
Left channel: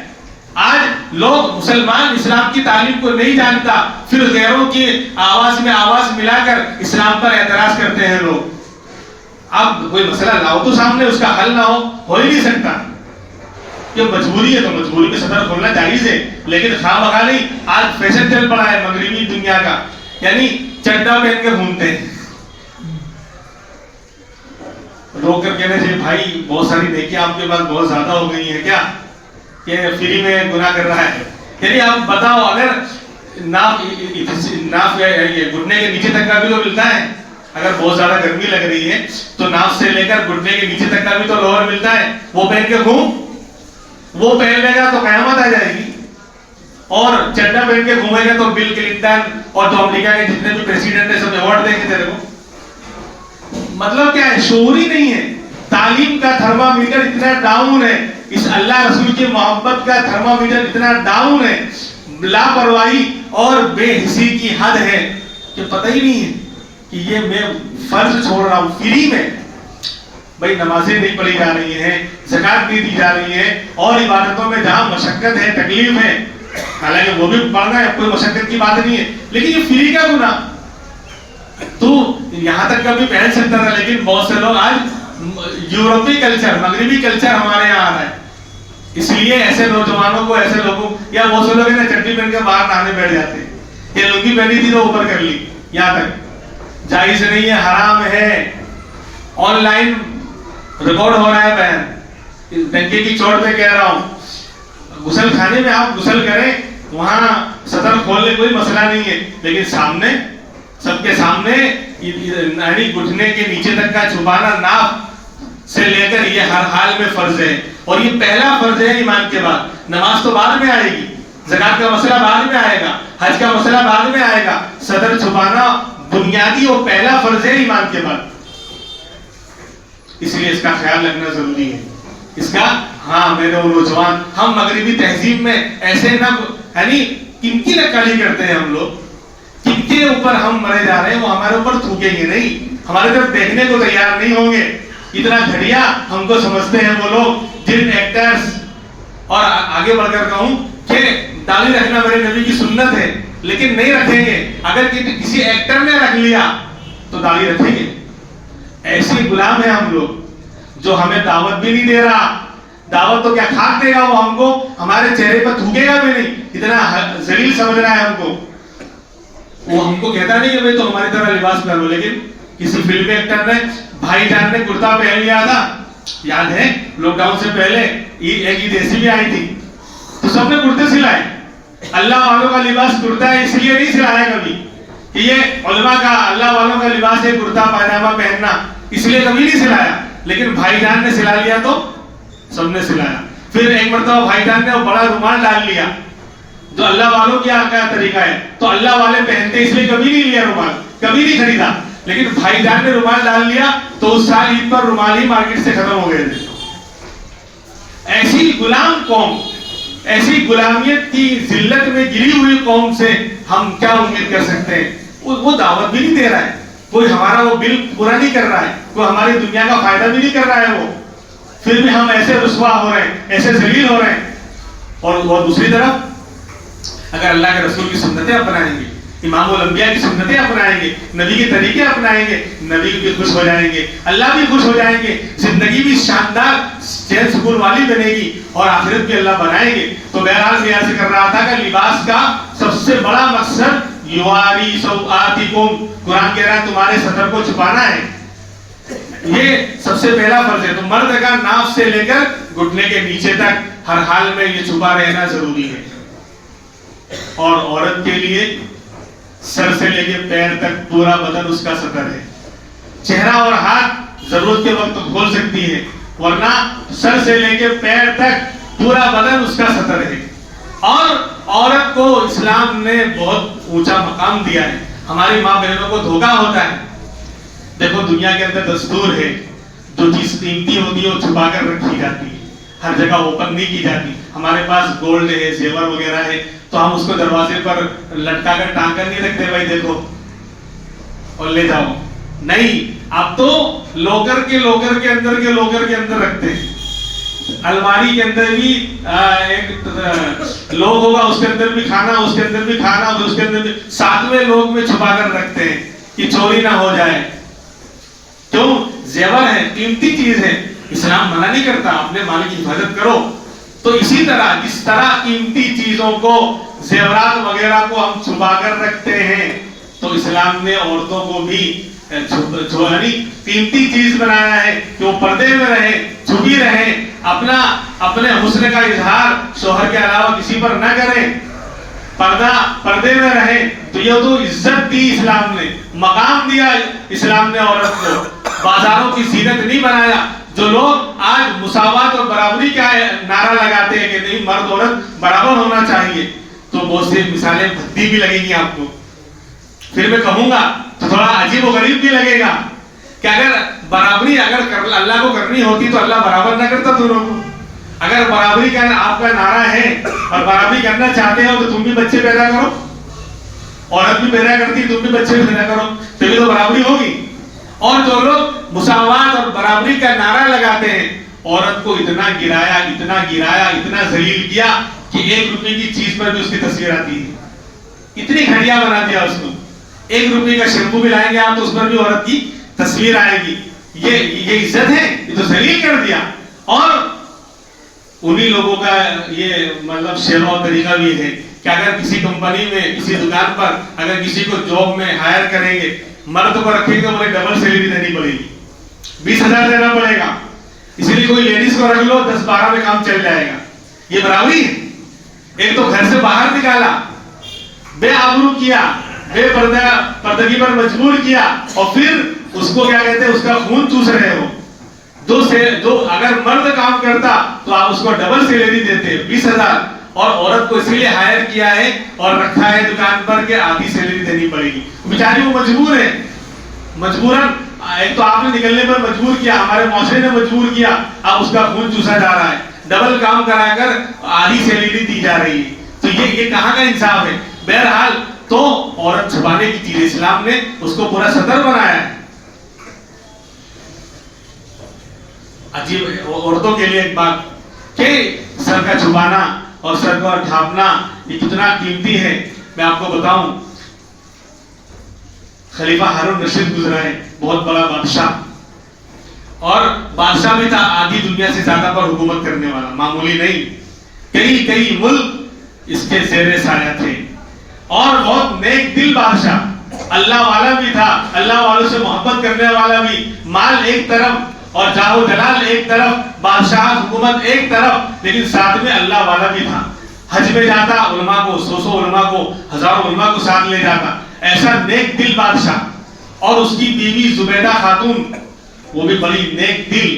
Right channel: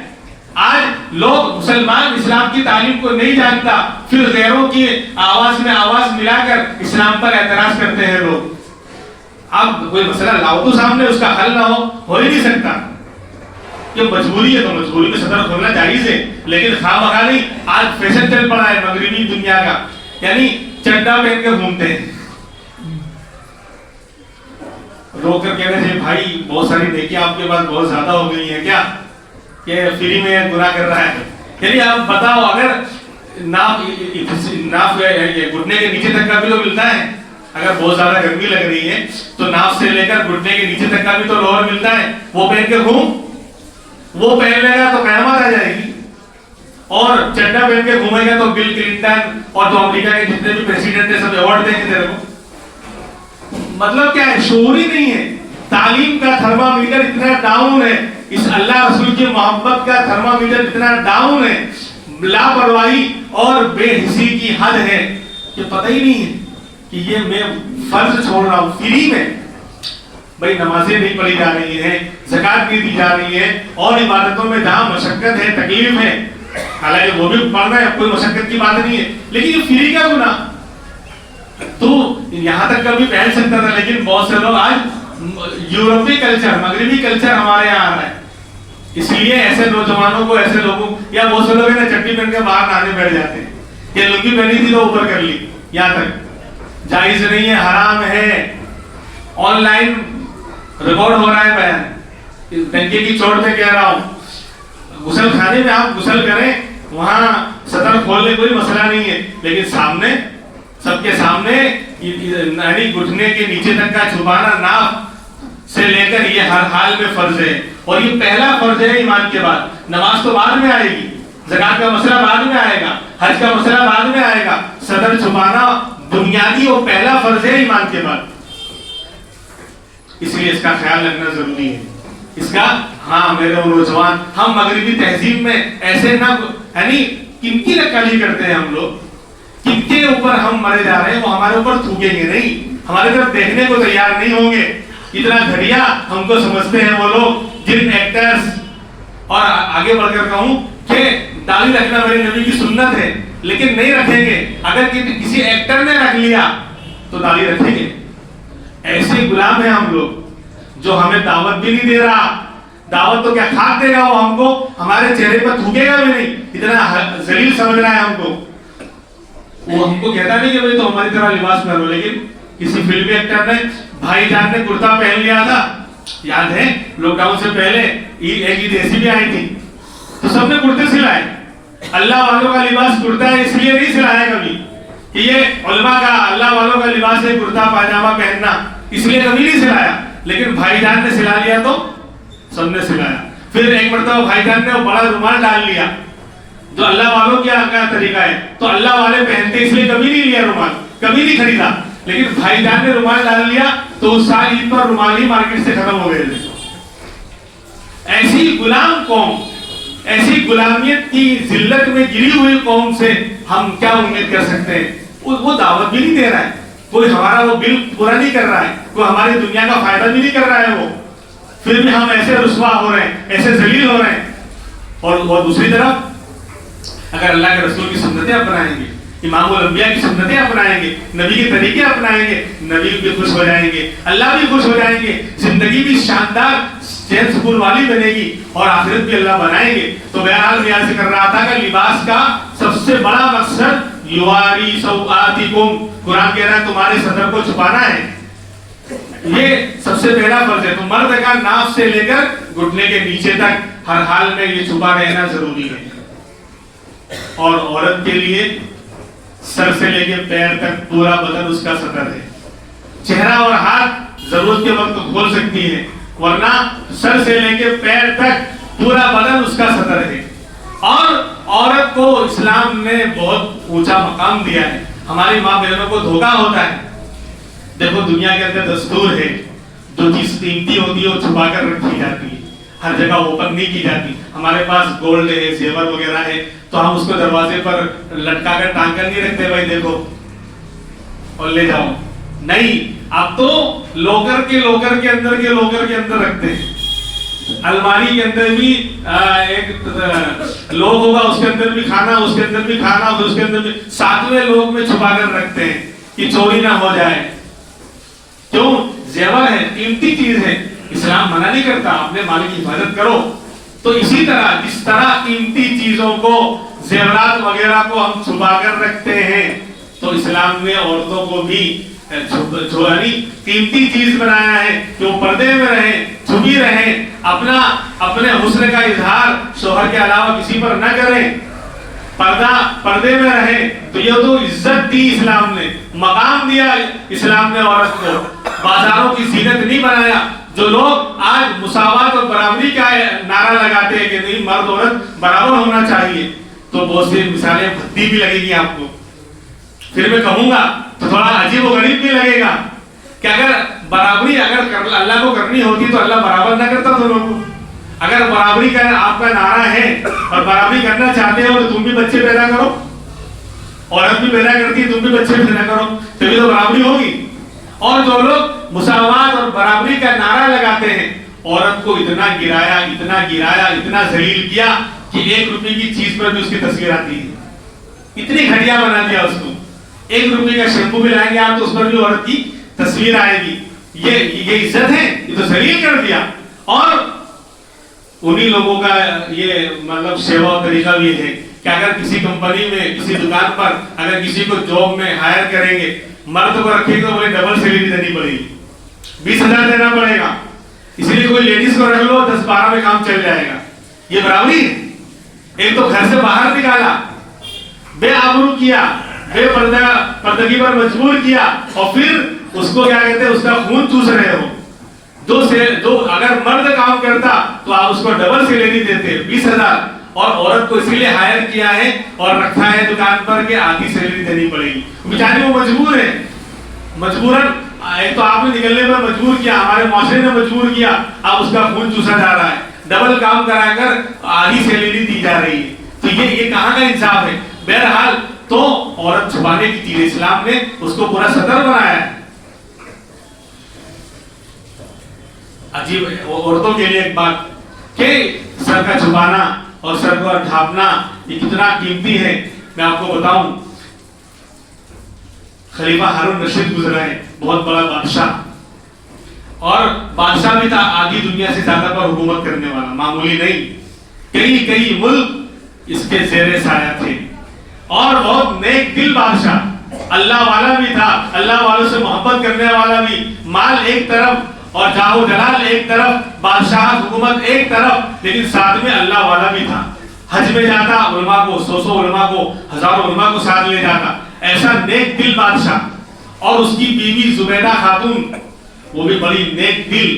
آج لوگ مسلمان اسلام کی تعلیم کو نہیں جانتا، پھر غیروں کی آواز میں آواز ملا کر اسلام پر اعتراض کرتے ہیں لوگ. اب کوئی مسئلہ لاؤ تو سامنے، اس کا حل نہ ہو ہی نہیں سکتا. کہ مجبوری ہے تو مجبوری میں صدر کھولنا جائز ہے، لیکن خواہ مخواہ نہیں. آج فیشن چل پڑا ہے مغربی دنیا کا، یعنی چڈا پہن کے گھومتے ہیں. روک کر کہنے سے بھائی بہت ساری نیکیاں آپ کے پاس بہت زیادہ ہو گئی ہیں کیا، کہ فری میں گناہ کر رہا ہے. یعنی آپ بتاؤ، اگر ناف گھٹنے کے نیچے تک کا بھی تو ملتا ہے. اگر بہت زیادہ گرمی لگ رہی ہے تو ناف سے لے کر گھٹنے کے نیچے تک کا بھی تو لوور ملتا ہے، وہ پہن کے گھوم. وہ پہن لے گا تو قیامت آ جائے گی. اور چڈا پہن کے گھومے گا تو بل کلنٹن اور جو امریکہ کے جتنے بھی پریزیڈنٹ ہیں سب ایوارڈ دیں گے تیرے کو. مطلب کیا ہے؟ شعور ہی نہیں ہے. تعلیم کا تھرمامیٹر اتنا ڈاؤن ہے، اس اللہ رسول کی محبت کا تھرمامیٹر اتنا ڈاؤن ہے، لاپرواہی اور بے حسی کی حد ہے کہ پتہ ہی نہیں ہے کہ یہ میں فرض چھوڑ رہا ہوں فری میں. بھائی نمازیں نہیں پڑھی جا رہی ہیں، زکات نہیں دی جا رہی ہے، اور عبادتوں میں جہاں مشقت ہے، تکلیف ہے، حالانکہ وہ بھی پڑھنا ہے، کوئی مشقت کی بات نہیں ہے، لیکن یہ فری کا گناہ. تو یہاں تک کبھی پہن سکتا تھا، لیکن بہت سے لوگ آج یورپی کلچر، مغربی کلچر ہمارے یہاں آ رہا ہے. اس لیے ایسے نوجوانوں کو، ایسے لوگوں، یا بہت سے لوگ نا چٹی پہن کے باہر نہانے بیٹھ جاتے ہیں، یہ لنگی پہنی تھی تو اوپر کر لی. یہاں تک جائز نہیں ہے، حرام ہے. آن لائن ریکارڈ ہو رہا ہے بیان، ڈنکے کی چوٹ پہ کہہ رہا ہوں، غسل خانے میں آپ غسل کریں، وہاں سطر کھولنے کوئی مسئلہ نہیں ہے، لیکن سامنے سب کے سامنے یعنی گھٹنے کے نیچے تک کا چھپانا ناف سے لے کر یہ ہر حال میں فرض ہے، اور یہ پہلا فرض ہے ایمان کے بعد۔ نماز تو بعد میں آئے گی، زکات کا مسئلہ بعد میں آئے گا، حج کا مسئلہ بعد میں آئے گا، سطر چھپانا بنیادی اور پہلا فرض ہے ایمان کے بعد، اس لیے اس کا خیال رکھنا ضروری ہے۔ اس کا ہاں میرے نوجوان، ہم مغربی تہذیب میں ایسے نہ یعنی کن کی نقالی کرتے ہیں، ہم لوگ کن کے اوپر ہم مرے جا رہے ہیں، وہ ہمارے اوپر تھوکیں گے نہیں، ہمارے طرف دیکھنے کو تیار نہیں ہوں گے۔ اتنا گھٹیا ہم کو سمجھتے ہیں وہ لوگ جن ایکٹرز، اور آگے بڑھ کر کہوں کہ داڑھی رکھنا میرے نبی کی سنت ہے، لیکن نہیں رکھیں گے۔ اگر کسی ایکٹر نے رکھ لیا تو داڑھی رکھیں گے۔ ایسے غلام ہیں ہم لوگ جو ہمیں دعوت بھی نہیں دے رہا، دعوت تو کیا کھاک دے گا، وہ ہم کو ہمارے چہرے پر تھوکے گا بھی نہیں، اتنا ذلیل سمجھ رہا ہے ہم کو۔ وہ ہم کو کہتا نہیں کہ بھئی تو ہماری طرح لباس پہنو، لیکن کسی فلم ایکٹر نے، بھائی جان نے کرتا پہن لیا تھا، یاد ہے لاک ڈاؤن سے پہلے ایک عید ایسی بھی آئی تھی تو سب نے کرتے سلائے۔ اللہ والوں کا لباس کرتا ہے، اس لیے نہیں سلایا کبھی کہ یہ علماء کا اللہ والوں کا لباس ہے کرتا پاجامہ پہننا، اس لیے کبھی نہیں سلایا، لیکن بھائی جان نے سلا لیا تو سب نے سلایا۔ پھر ایک مرتبہ بھائی جان نے وہ بڑا رومال ڈال لیا جو اللہ والوں کا طریقہ ہے، تو اللہ والے پہنتے اس لیے کبھی نہیں لیا رومال، کبھی نہیں خریدا، لیکن بھائی جان نے رومال ڈال لیا تو اس سال عید پر رومال ہی مارکیٹ سے ختم ہو گئے تھے۔ ایسی غلام قوم، ایسی غلامیت کی ذلت میں گری ہوئی قوم سے ہم کیا امید کر سکتے ہیں؟ وہ دعوت بھی نہیں دے رہا ہے، کوئی ہمارا وہ بل پورا نہیں کر رہا ہے، کوئی ہماری دنیا کا فائدہ بھی نہیں کر رہا ہے، وہ پھر بھی ہم ایسے رسوا ہو رہے ہیں، ایسے ذلیل ہو رہے ہیں۔ اور دوسری طرف اگر اللہ کے رسول کی سنتیں اپنائیں گے، امام الانبیاء کی سنتیں اپنائیں گے، نبی کے طریقے اپنائیں گے، نبی بھی خوش ہو جائیں گے، اللہ بھی خوش ہو جائیں گے، زندگی بھی شاندار چین سکون والی بنے گی، اور آخرت بھی اللہ بنائیں گے۔ تو بہرحال میں ایسے کر رہا تھا کہ لباس کا سب سے بڑا مقصد یواری سوآتکم، قرآن کہہ رہا ہے تمہارے صدر کو چھپانا ہے، یہ سب سے پہلا فرض ہے۔ تو مرد کا ناف سے لے کر گھٹنے کے نیچے تک ہر حال میں یہ چھپا رہنا ضروری ہے، اور عورت کے لیے سر سے لے کے پیر تک پورا بدن اس کا ستر ہے۔ چہرہ اور ہاتھ ضرورت کے وقت کھول سکتی ہے، ورنہ سر سے لے کے پیر تک پورا بدن اس کا ستر ہے۔ اور عورت کو اسلام نے بہت اونچا مقام دیا ہے۔ ہماری ماں بہنوں کو دھوکا ہوتا ہے، دیکھو دنیا کے اندر دستور ہے جو چیز قیمتی ہوتی ہے وہ چھپا کر رکھی جاتی ہے، ہر جگہ اوپن نہیں کی جاتی۔ ہمارے پاس گولڈ ہے، زیور وغیرہ ہے، تو ہم اس کو دروازے پر لٹکا کر ٹانگ کر نہیں رکھتے بھائی دیکھو اور لے جاؤ، نہیں، اب تو لوکر کے اندر رکھتے ہیں۔ الماری کے اندر بھی ایک لوگ ہوگا، اس کے اندر بھی کھانا، اس کے اندر بھی کھانا، اس کے اندر بھی ساتویں لوگ میں چھپا کر رکھتے ہیں کہ چوری نہ ہو جائے۔ کیوں؟ زیور ہے، قیمتی چیز ہے، اسلام منع نہیں کرتا اپنے مال کی حفاظت کرو۔ تو اسی طرح جس طرح قیمتی چیزوں کو، زیورات وغیرہ کو ہم چھپا کر رکھتے ہیں، تو اسلام نے عورتوں کو بھی قیمتی چیز بنایا ہے کہ وہ پردے میں رہیں، چھپی رہیں، اپنے حسن کا اظہار شوہر کے علاوہ کسی پر نہ کریں، پردے میں رہیں۔ تو یہ تو عزت دی اسلام نے، مقام دیا اسلام نے عورت کو، بازاروں کی زینت نہیں بنایا۔ جو لوگ آج مساوات اور برابری کا نعرہ لگاتے ہیں کہ نہیں مرد عورت برابر ہونا چاہیے، تو بہت سی مثالیں بھدی بھی لگیں گی آپ کو، پھر میں کہوں گا تو تھوڑا عجیب و غریب بھی لگے گا کہ اگر برابری اللہ کو کرنی ہوتی تو اللہ برابر نہ کرتا تو لوگوں۔ اگر برابری کا آپ کا نعرہ ہے اور برابری کرنا چاہتے ہو تو تم بھی بچے پیدا کرو، عورت بھی پیدا کرتی ہے، تم بھی بچے پیدا کرو، تبھی تو برابری ہوگی۔ اور جو لوگ مساوات اور برابری کا نعرہ لگاتے ہیں، عورت کو اتنا گرایا، اتنا ذلیل کیا کہ 1 روپے کی چیز پر بھی اس کی تصویر آتی ہے، اتنی گھٹیا بنا دیا اس کو۔ 1 روپے کا شیمپو بھی لائیں گے آپ تو اس پر بھی عورت کی تصویر آئے گی۔ یہ عزت ہے؟ یہ تو ذلیل کر دیا۔ اور انہی لوگوں کا یہ مطلب شیوا و طریقہ بھی ہے کہ اگر کسی کمپنی میں، کسی دکان پر اگر کسی کو جاب میں ہائر کریں گے، مرد کو رکھیں گے تو بولے ڈبل سیلری دینی پڑے گی، 20,000 دینا پڑے گا، اس لیے کوئی لیڈیز کو رکھ لو 10-12 میں کام چل جائے گا. یہ برابری ہے. ایک تو گھر سے باہر نکالا, بے آبرو کیا, بے پردگی پر مجبور کیا, اور پھر اس کو کیا کہتے ہیں, اس کا خون چوس رہے ہو. جو اگر مرد کام کرتا تو آپ اس کو ڈبل سیلری دیتے 20,000, اور عورت کو اسی لیے ہائر کیا ہے اور رکھا ہے دکان پر کہ آدھی سیلری دینی پڑے گی. بیچاری وہ مجبور ہے, مجبوراً. ایک تو آپ نے نکلنے پر مجبور کیا, ہمارے معاشرے نے مجبور کیا, اب اس کا خون چوسا جا رہا ہے, ڈبل کام کرا کر آدھی سیلری دی جا رہی ہے. تو یہ کہاں کا انصاف ہے؟ بہرحال تو عورت چھپانے کی چیز, اسلام نے اس کو پورا صدر بنایا ہے. عجیب ہے عورتوں کے لیے ایک بات کہ سر کا چھپانا اور سر کو ڈھانپنا یہ کتنا قیمتی ہے. میں آپ کو بتاؤں, خلیفہ ہارون رشید گزرا ہے, بہت بڑا بادشاہ, اور بادشاہ بھی تھا آدھی دنیا سے زیادہ پر حکومت کرنے والا, معمولی نہیں. کئی ملک اس کے زیر سایہ تھے, اور بہت نیک دل بادشاہ, اللہ والا بھی تھا, اللہ والوں سے محبت کرنے والا بھی. مال ایک طرف اور جاہ و جلال ایک طرف, بادشاہ حکومت ایک طرف, لیکن ساتھ میں اللہ والا بھی تھا. حج میں جاتا, علماء کو 100 علماء کو, ہزاروں علماء کو ساتھ لے جاتا. ایسا نیک دل بادشاہ. اور اس کی بیوی زبیدہ خاتون, وہ بھی بڑی نیک دل.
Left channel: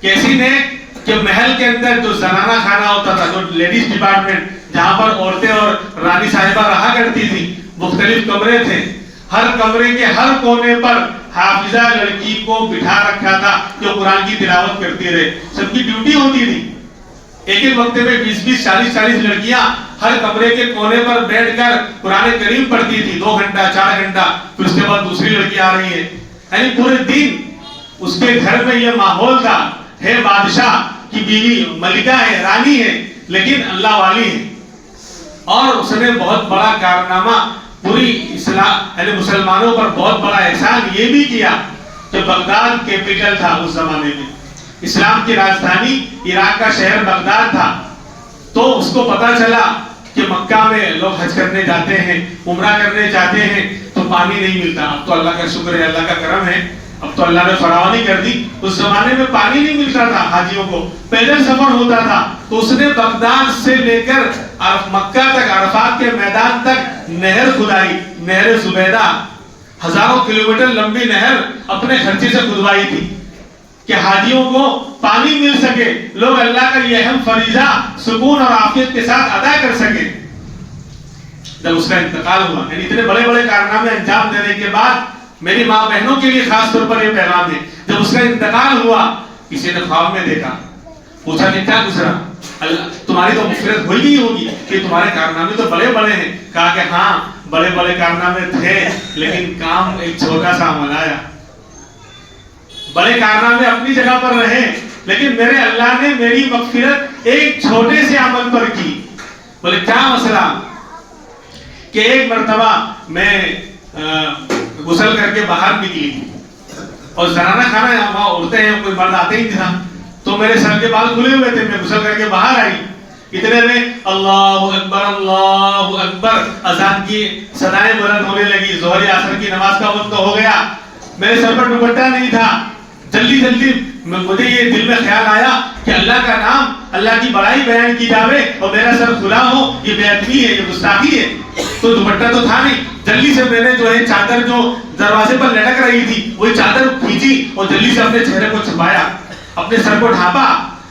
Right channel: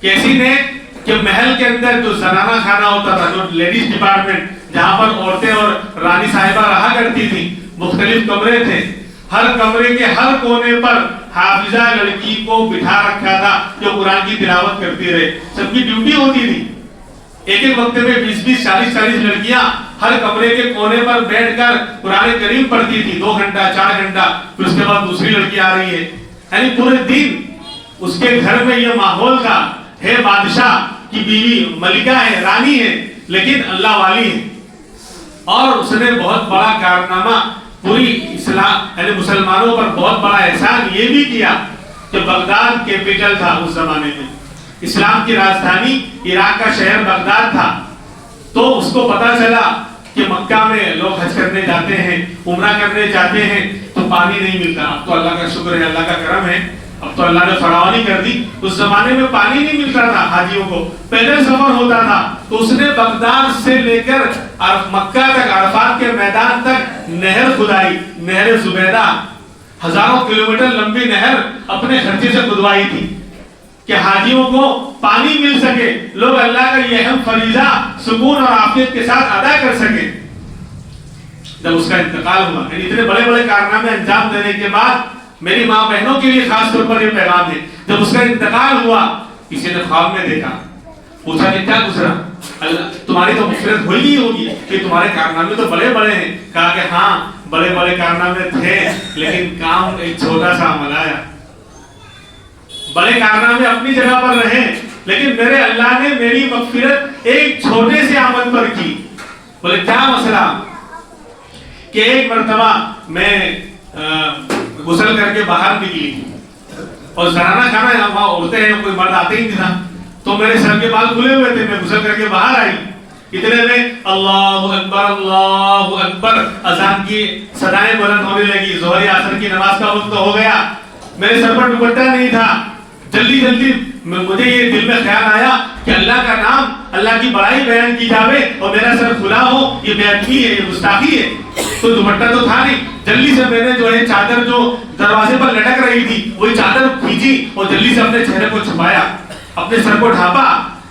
کیسی نیک کہ محل کے اندر جو زنانہ خانہ ہوتا تھا, جو لیڈیز ڈپارٹمنٹ, جہاں پر عورتیں اور رانی صاحبہ رہا کرتی تھی, مختلف کمرے تھے. ہر کمرے کے ہر کونے پر حافظہ لڑکی کو بٹھا رکھا تھا جو قرآن کی تلاوت کرتی رہے. سب کی ڈیوٹی ہوتی تھی. ایک وقت میں 20 40 لڑکیاں ہر کمرے کے کونے پر بیٹھ کر قرآن کریم پڑھتی تھی, 2 گھنٹہ 4 گھنٹہ. پھر اس کے بعد دوسری لڑکی آ رہی ہے. یعنی پورے دن اس کے گھر میں یہ ماحول تھا. ہے بادشاہ کی بیوی, ملکہ ہے, رانی ہے, لیکن اللہ والی ہے. اور اس نے بہت بڑا کارنامہ پوری اسلام یعنی مسلمانوں پر بہت بڑا احسان یہ بھی کیا کہ بغداد کیپٹل تھا اس زمانے میں, اسلام کی راجدھانی عراق کا شہر بغداد تھا. تو اس کو پتا چلا کہ مکہ میں لوگ حج کرنے جاتے ہیں, عمرہ کرنے جاتے ہیں, تو پانی نہیں ملتا. اب تو اللہ کا شکر ہے, اللہ کا کرم ہے, اب تو اللہ نے فراوانی کر دی. اس زمانے میں پانی نہیں ملتا تھا حاجیوں کو, پیدل سفر ہوتا تھا. تو اس نے بغداد سے لے کر مکہ تک, عرفات کے میدان تک نہر کھدائی, نہر زبیدہ, ہزاروں کلومیٹر لمبی نہر اپنے خرچے سے کھدوائی تھی کہ حاجیوں کو پانی مل سکے, لوگ اللہ کا یہ اہم فریضہ سکون اور عافیت کے ساتھ ادا کر سکے. جب اس کا انتقال ہوا, یعنی اتنے بڑے بڑے کارنامے انجام دینے کے بعد میری ماں بہنوں کے لیے خاص طور پر یہ پیغام ہے, جب اس کا انتقال ہوا کسی نے خواب میں دیکھا, پوچھا کہ کیا گزرا, اللہ تمہاری تو مغفرت ہوئی نہیں ہوگی کہ تمہارے کارنامے تو بڑے بڑے ہیں. کہا کہ ہاں بڑے بڑے کارنامے تھے, لیکن کام ایک چھوٹا سا عمل آیا. بڑے کارنامے اپنی جگہ پر رہے, لیکن میرے اللہ نے میری مغفرت ایک چھوٹے سے عمل پر کی. بولے کیا مسئلہ؟ کہ ایک مرتبہ میں غسل کر کے باہر نکلی, اور زنانہ خانہ وہاں عورتیں ہیں, کوئی مرد آتے ہی نہیں تھا, تو میرے سر کے بال کھلے ہوئے تھے, میں غسل کر کے باہر آئی. اتنے میں اللہ اکبر اذان کی صدائیں بلند ہونے لگی. ظہر عصر کی نماز کا وقت ہو گیا. میرے سر پر دوپٹہ نہیں تھا. جلدی مجھے یہ دل میں خیال آیا کہ اللہ کا نام, اللہ کی بڑائی بیان کی جاوے اور میرا سر کھلا ہو, یہ بے ادبی ہے, یہ گستاخی ہے. تو دوپٹہ تو تھا نہیں, جلدی سے میں نے جو ہے چادر جو دروازے پر لٹک رہی تھی وہی چادر کھینچی اور جلدی سے اپنے چہرے کو چھپایا, اپنے سر کو ڈھانپا.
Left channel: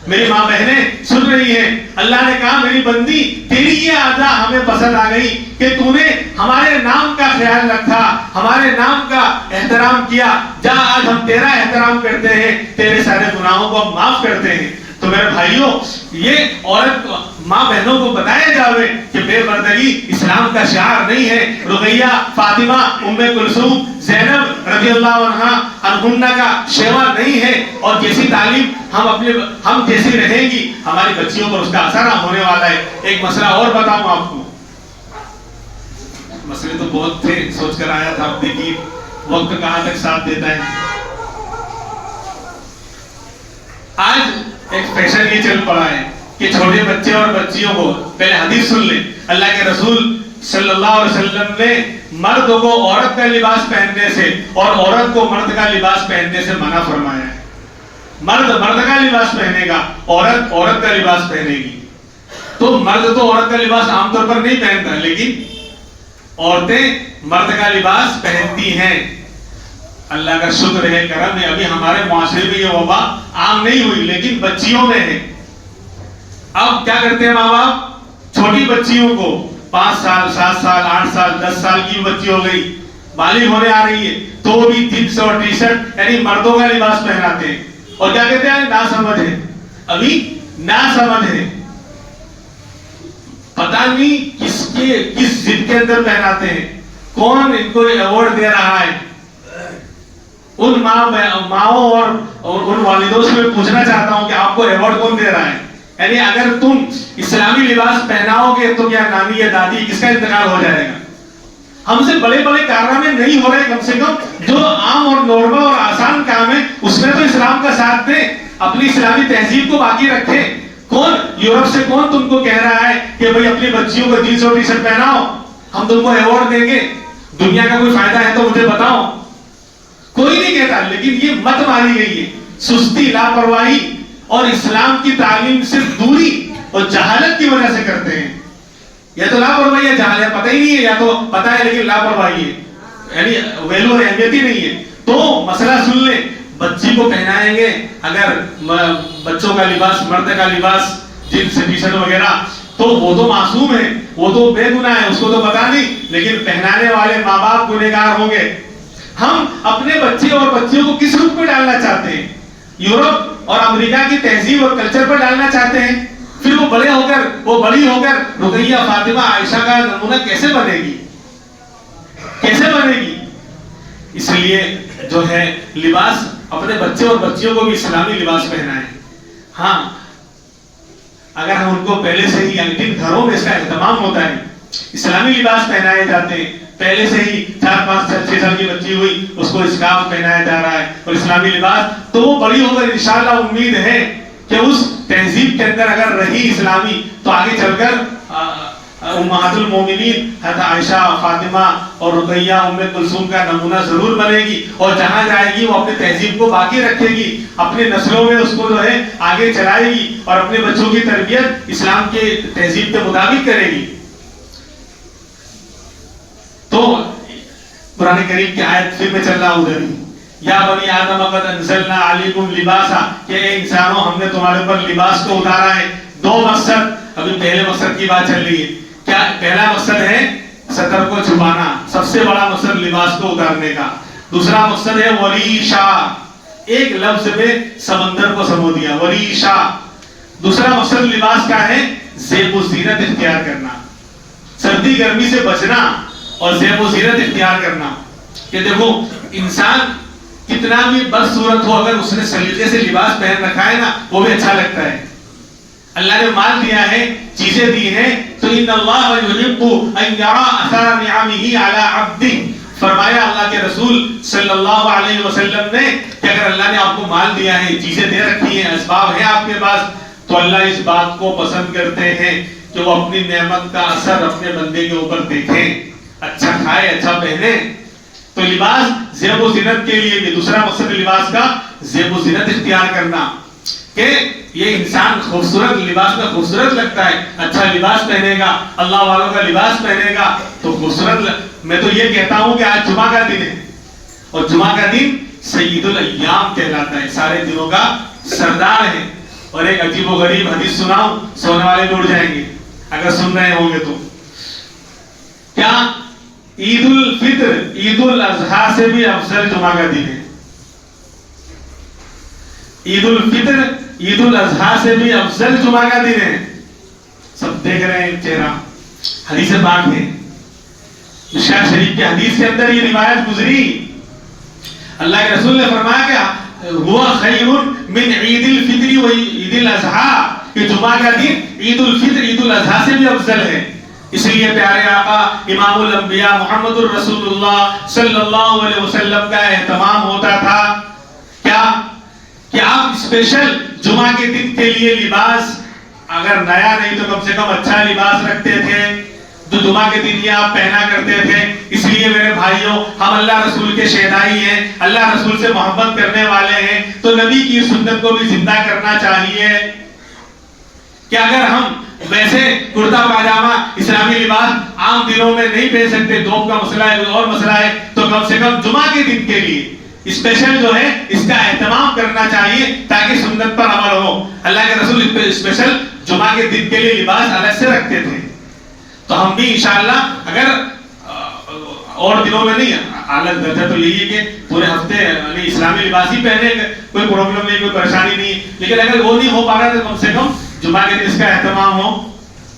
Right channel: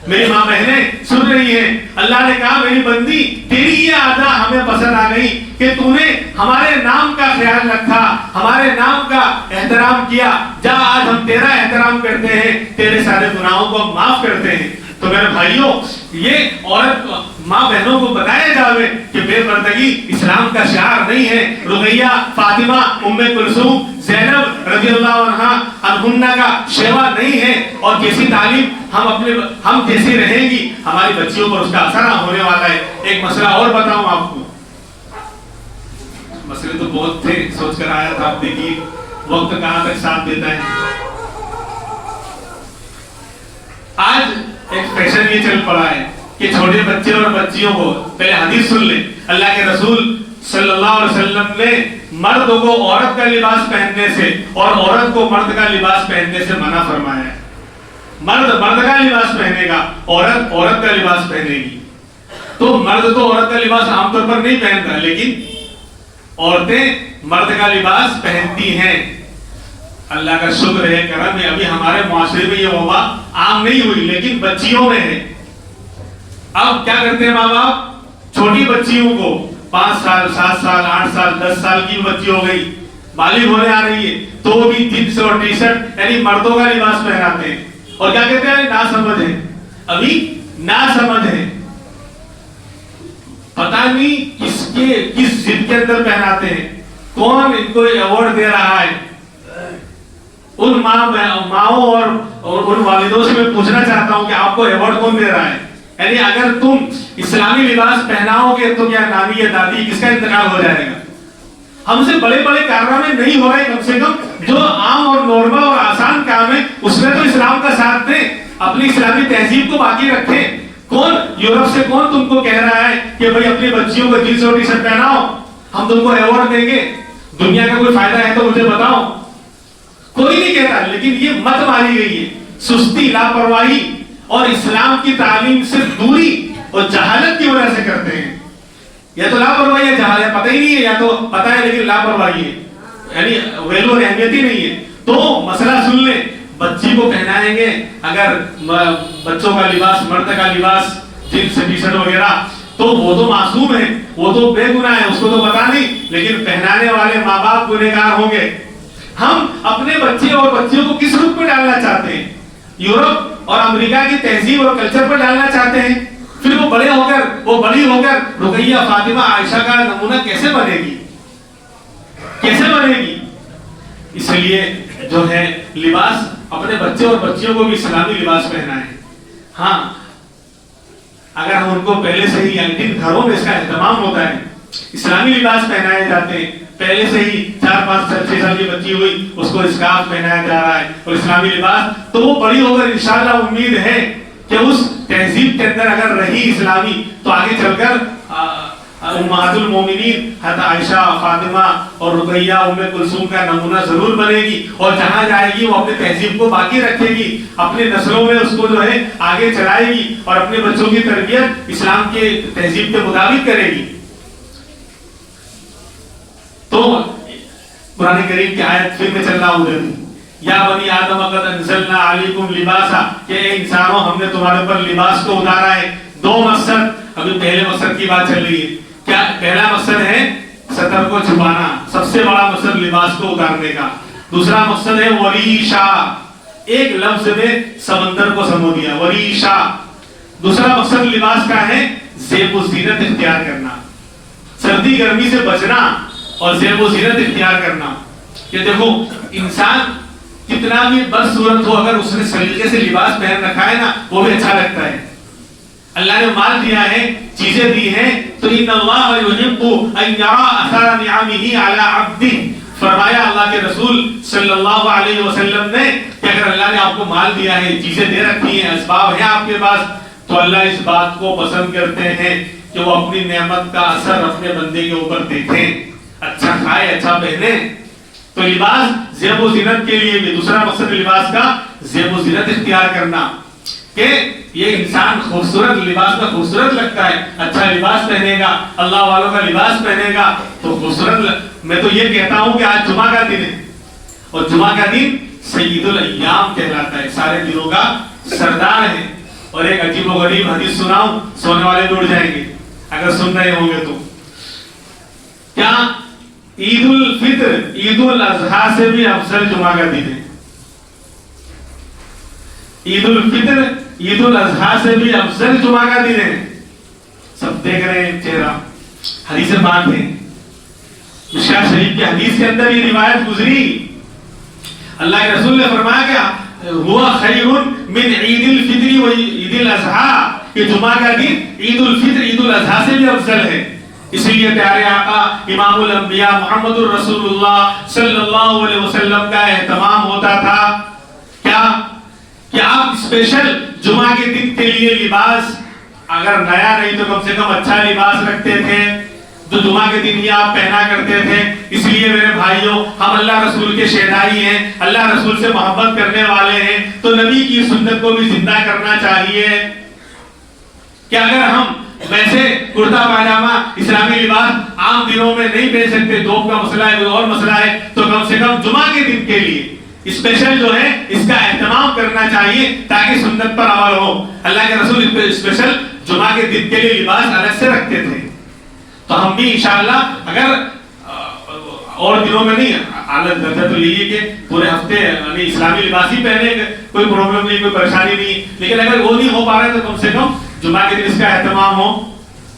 میری ماں بہنیں سن رہی ہیں. اللہ نے کہا میری بندی تیری یہ ادا ہمیں پسند آ گئی کہ تو نے ہمارے نام کا خیال رکھا, ہمارے نام کا احترام کیا. جا آج ہم تیرا احترام کرتے ہیں, تیرے سارے گناہوں کو معاف کرتے ہیں. تو میرے بھائیوں, یہ عورت ماں بہنوں کو بتایا جاوے کہ بے پردگی اسلام کا شعار نہیں ہے. رقیہ, فاطمہ, ام کلثوم, زینب رضی اللہ عنہا کا شیوا نہیں ہے. اور جیسی تعلیم ہم جیسی رہیں گی ہماری بچیوں پر اس کا اثر ہونے والا ہے. ایک مسئلہ اور بتاؤں آپ کو, مسئلے تو بہت تھے, سوچ کر آیا تھا, آپ دیکھیے وقت کہاں تک ساتھ دیتا ہے. آج ایک فیشن یہ چل پڑا ہے کہ چھوٹے بچے اور بچیوں کو, پہلے حدیث سن لیں, اللہ کے رسول صلی اللہ علیہ وسلم نے مرد کو عورت کا لباس پہننے سے اور عورت کو مرد کا لباس پہننے سے منع فرمایا ہے. مرد مرد کا لباس پہنے گا، عورت عورت کا لباس پہنے گی. تو مرد تو عورت کا لباس عام طور پر نہیں پہنتا، لیکن عورتیں مرد کا لباس پہنتی ہیں. اللہ کا شکر ہے، کرم ہے، ابھی ہمارے معاشرے میں یہ وبا عام نہیں ہوئی، لیکن بچیوں میں ہے. اب کیا کرتے ہیں ماں باپ؟ چھوٹی بچیوں کو 5 سال 7 سال 8 سال 10 سال کی بچی ہو گئی، بالغ ہونے آ رہی ہے، تو بھی جینس اور ٹی شرٹ یعنی مردوں کا لباس پہناتے ہیں. اور کیا کہتے ہیں؟ نا سمجھ ہے، ابھی نا سمجھ ہے. پتہ نہیں کس ضد کے اندر پہناتے ہیں، کون ان کو ایوارڈ دے رہا ہے. ان ماؤں اور ان والدوں سے میں پوچھنا چاہتا ہوں کہ آپ کو ایوارڈ کون دے رہا ہے؟ یعنی اگر تم اسلامی لباس پہناؤ گے تو کیا نانی یا دادی کس کا انتقال ہو جائے گا؟ ہم سے بڑے بڑے کارنامے نہیں ہو رہے، کم سے کم جو عام اور نارمل اور آسان کام ہے اس میں تو اسلام کا ساتھ دیں، اپنی اسلامی تہذیب کو باقی رکھیں. کون یورپ سے کون تم کو کہہ رہا ہے کہ بھئی اپنی بچیوں کو جینس اور ٹی شرٹ پہناؤ، ہم تم کو ایوارڈ دیں گے؟ دنیا کا کوئی فائدہ ہے تو مجھے بتاؤ. کوئی نہیں کہتا، لیکن یہ مت ماری گئی ہے. سستی، لاپرواہی اور اسلام کی تعلیم سے دوری اور جہالت کی وجہ سے کرتے ہیں. یا تو لاپرواہی ہے، جہالت پتہ ہی نہیں ہے، یا تو پتہ ہے لیکن لاپرواہی ہے، یعنی ویلو اور اہمیت ہی نہیں ہے. تو مسئلہ سن لیں، بچی کو پہنائیں گے اگر بچوں کا لباس، مرد کا لباس جینس ٹی شرٹ وغیرہ، تو وہ تو معصوم ہے، وہ تو بے گناہ ہے، اس کو تو پتہ نہیں، لیکن پہنانے والے ماں باپ گنہگار ہوں گے. ہم اپنے بچے اور بچیوں کو کس روپ میں ڈالنا چاہتے ہیں؟ یورپ اور امریکہ کی تہذیب اور کلچر پر ڈالنا چاہتے ہیں. پھر وہ بڑی ہو کر رقیہ، فاطمہ، عائشہ کا نمونہ کیسے بنے گی؟ کیسے بنے گی؟ اس لیے جو ہے لباس اپنے بچے اور بچیوں کو بھی اسلامی لباس پہنائیں. ہاں اگر ہم ان کو پہلے سے ہی، یعنی گھروں میں اس کا اہتمام ہوتا ہے، اسلامی لباس پہنائے جاتے ہیں، پہلے سے ہی 4 5 6 سال کی بچی ہوئی اس کو اسکارف پہنایا جا رہا ہے اور اسلامی لباس، تو وہ بڑی ہو کر انشاءاللہ امید ہے کہ اس تہذیب کے اندر اگر رہی اسلامی تو آگے چل کر امہات المومنین حضرت عائشہ، فاطمہ اور رقیہ، ام کلثوم کا نمونہ ضرور بنے گی. اور جہاں جائے گی وہ اپنی تہذیب کو باقی رکھے گی، اپنی نسلوں میں اس کو جو ہے آگے چلائے گی اور اپنے بچوں کی تربیت اسلام کے تہذیب کے مطابق کرے گی. تو قرآن کریم کی آیت پھر میں چل رہا ہوں، یا بنی آدم قد انزلنا علیکم لباسا، کہ اے انسانوں ہم نے تمہارے اوپر لباس کو اتارا ہے. 2 مقصد، ابھی پہلے مقصد کی بات چل رہی ہے. کیا پہلا مقصد ہے؟ ستر کو چھپانا، سب سے بڑا مقصد لباس کو اتارنے کا. دوسرا مقصد ہے وریشا، ایک لفظ میں سمندر کو سمو دیا، وریشا. دوسرا مقصد لباس کا ہے زیب و زینت اختیار کرنا، سردی گرمی سے بچنا اور زیب و زینت اختیار کرنا. کہ دیکھو انسان کتنا بھی بدصورت ہو، اگر اس نے سلیقے سے لباس پہن رکھا ہے نا وہ بھی اچھا لگتا ہے. اللہ نے مال دیا ہے، چیزیں دی ہیں، تو ان اللہ یحب ان یرى اثر نعمه علی عبده، فرمایا اللہ کے رسول صلی اللہ علیہ وسلم نے کہ اگر اللہ نے آپ کو مال دیا ہے، چیزیں دے رکھی ہیں، اسباب ہیں آپ کے پاس، تو اللہ اس بات کو پسند کرتے ہیں کہ وہ اپنی نعمت کا اثر اپنے بندے کے اوپر دیکھیں، اچھا کھائے، اچھا پہنے. تو لباس زیب و زینت کے لیے بھی دوسرا مقصد لباس کا زیب و زینت اختیار کرنا، کہ یہ انسان خوبصورت لباس میں خوبصورت لگتا ہے، اچھا لباس پہنے گا، اللہ والوں کا لباس پہنے گا تو خوبصورت. میں تو یہ کہتا ہوں کہ آج جمعہ کا دن ہے اور جمعہ کا دن سید الایام کہلاتا ہے، سارے دنوں کا سردار ہے. اور ایک عجیب و غریب حدیث سناؤں، سونے والے ٹوٹ جائیں گے اگر سن رہے ہوں گے تو. کیا عید الفطر عید الاضحیٰ سے بھی افضل جمعہ کا دن ہے؟ عید الفطر عید الاضحیٰ سے بھی افضل جمعہ کا دن ہے. سب دیکھ رہے ہیں چہرہ، حدیث پاک ہے، مشکوٰۃ شریف کی حدیث کے اندر یہ روایت گزری. اللہ کے رسول نے فرمایا کہ ہوا خیر من عید الفطر و عید الاضحیٰ، کہ جمعہ کا دن عید الفطر عید الاضحیٰ سے بھی افضل ہے. اس لیے پیارے آقا امام الانبیاء محمد الرسول اللہ صلی اللہ علیہ وسلم کا اہتمام ہوتا تھا کیا کہ آپ اسپیشل جمعہ کے دن کے لیے لباس اگر نیا نہیں تو کم سے کم اچھا لباس رکھتے تھے. جو جمعہ کے دن ہی آپ پہنا کرتے تھے. اس لیے میرے بھائیوں ہم اللہ رسول کے شیدائی ہیں, اللہ رسول سے محبت کرنے والے ہیں, تو نبی کی سنت کو بھی زندہ کرنا چاہیے. کہ اگر ہم ویسے کرتا پاجامہ اسلامی لباس عام دنوں میں نہیں پہن سکتے, دوب کا مسئلہ ہے, کوئی اور مسئلہ ہے, تو کم سے کم جمعہ کے دن کے لیے اسپیشل جو ہے اس کا اہتمام کرنا چاہیے تاکہ سنت پر عمل ہو. اللہ کے رسول اسپیشل جمعہ کے دن کے لیے لباس الگ سے رکھتے تھے. تو ہم بھی انشاءاللہ اگر اور دنوں میں نہیں, حالت درجہ تو یہی ہے کہ پورے ہفتے یعنی اسلامی لباس ہی پہنے, کوئی پرابلم نہیں, کوئی پریشانی نہیں, لیکن اگر وہ نہیں ہو پا رہا ہے تو کم سے کم جمعہ کے دن اس کا اہتمام ہو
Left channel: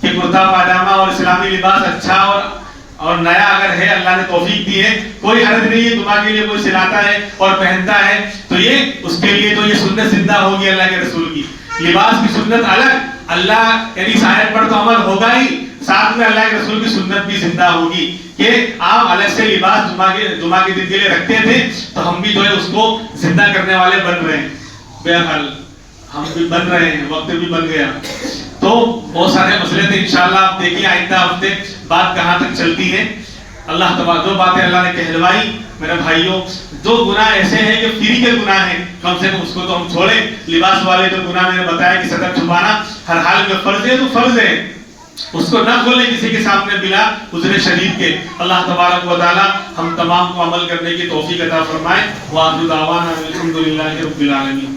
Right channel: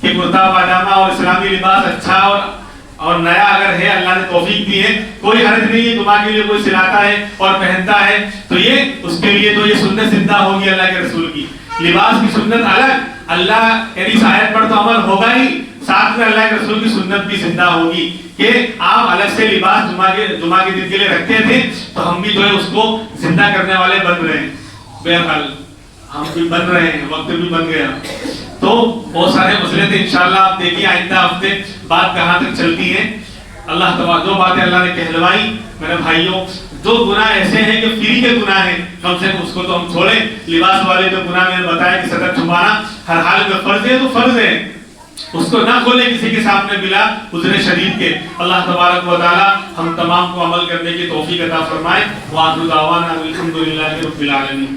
کہ کرتا پاجامہ اور اسلامی لباس اچھا اور نیا اگر ہے, اللہ نے توفیق دی ہے, کوئی حرج نہیں ہے. جمعہ کے لیے کوئی سلاتا ہے اور پہنتا ہے تو یہ اس کے لیے تو یہ سنت زندہ ہوگی اللہ کے رسول کی. لباس کی سنت الگ, اللہ یعنی اس آیت پر تو عمل ہوگا ہی, ساتھ میں اللہ کے رسول کی سنت بھی زندہ ہوگی کہ آپ الگ سے لباس جمعہ کے دن کے لیے رکھتے تھے, تو ہم بھی جو ہے اس کو زندہ کرنے والے بن رہے ہیں. بہرحال ہم بھی بن رہے ہیں, وقت بھی بن گیا. تو بہت سارے مسئلے تھے, انشاءاللہ آپ دیکھیے آئندہ ہفتے بات کہاں تک چلتی ہے. اللہ تبارک جو باتیں اللہ نے کہلوائی میرے بھائیوں, جو گناہ ایسے ہیں کہ فری کے گناہ ہیں کم سے کم اس کو تو ہم چھوڑیں. لباس والے جو گناہ میں نے بتایا کہ صدر چھپانا ہر حال میں فرض ہے تو فرض ہے, اس کو نہ کھولیں کسی کے سامنے بلا عذر شدید کے. اللہ تبارک و تعالی ہم تمام کو عمل کرنے کی توفیق عطا فرمائے. وآخر دعوانا الحمدللہ رب العالمین.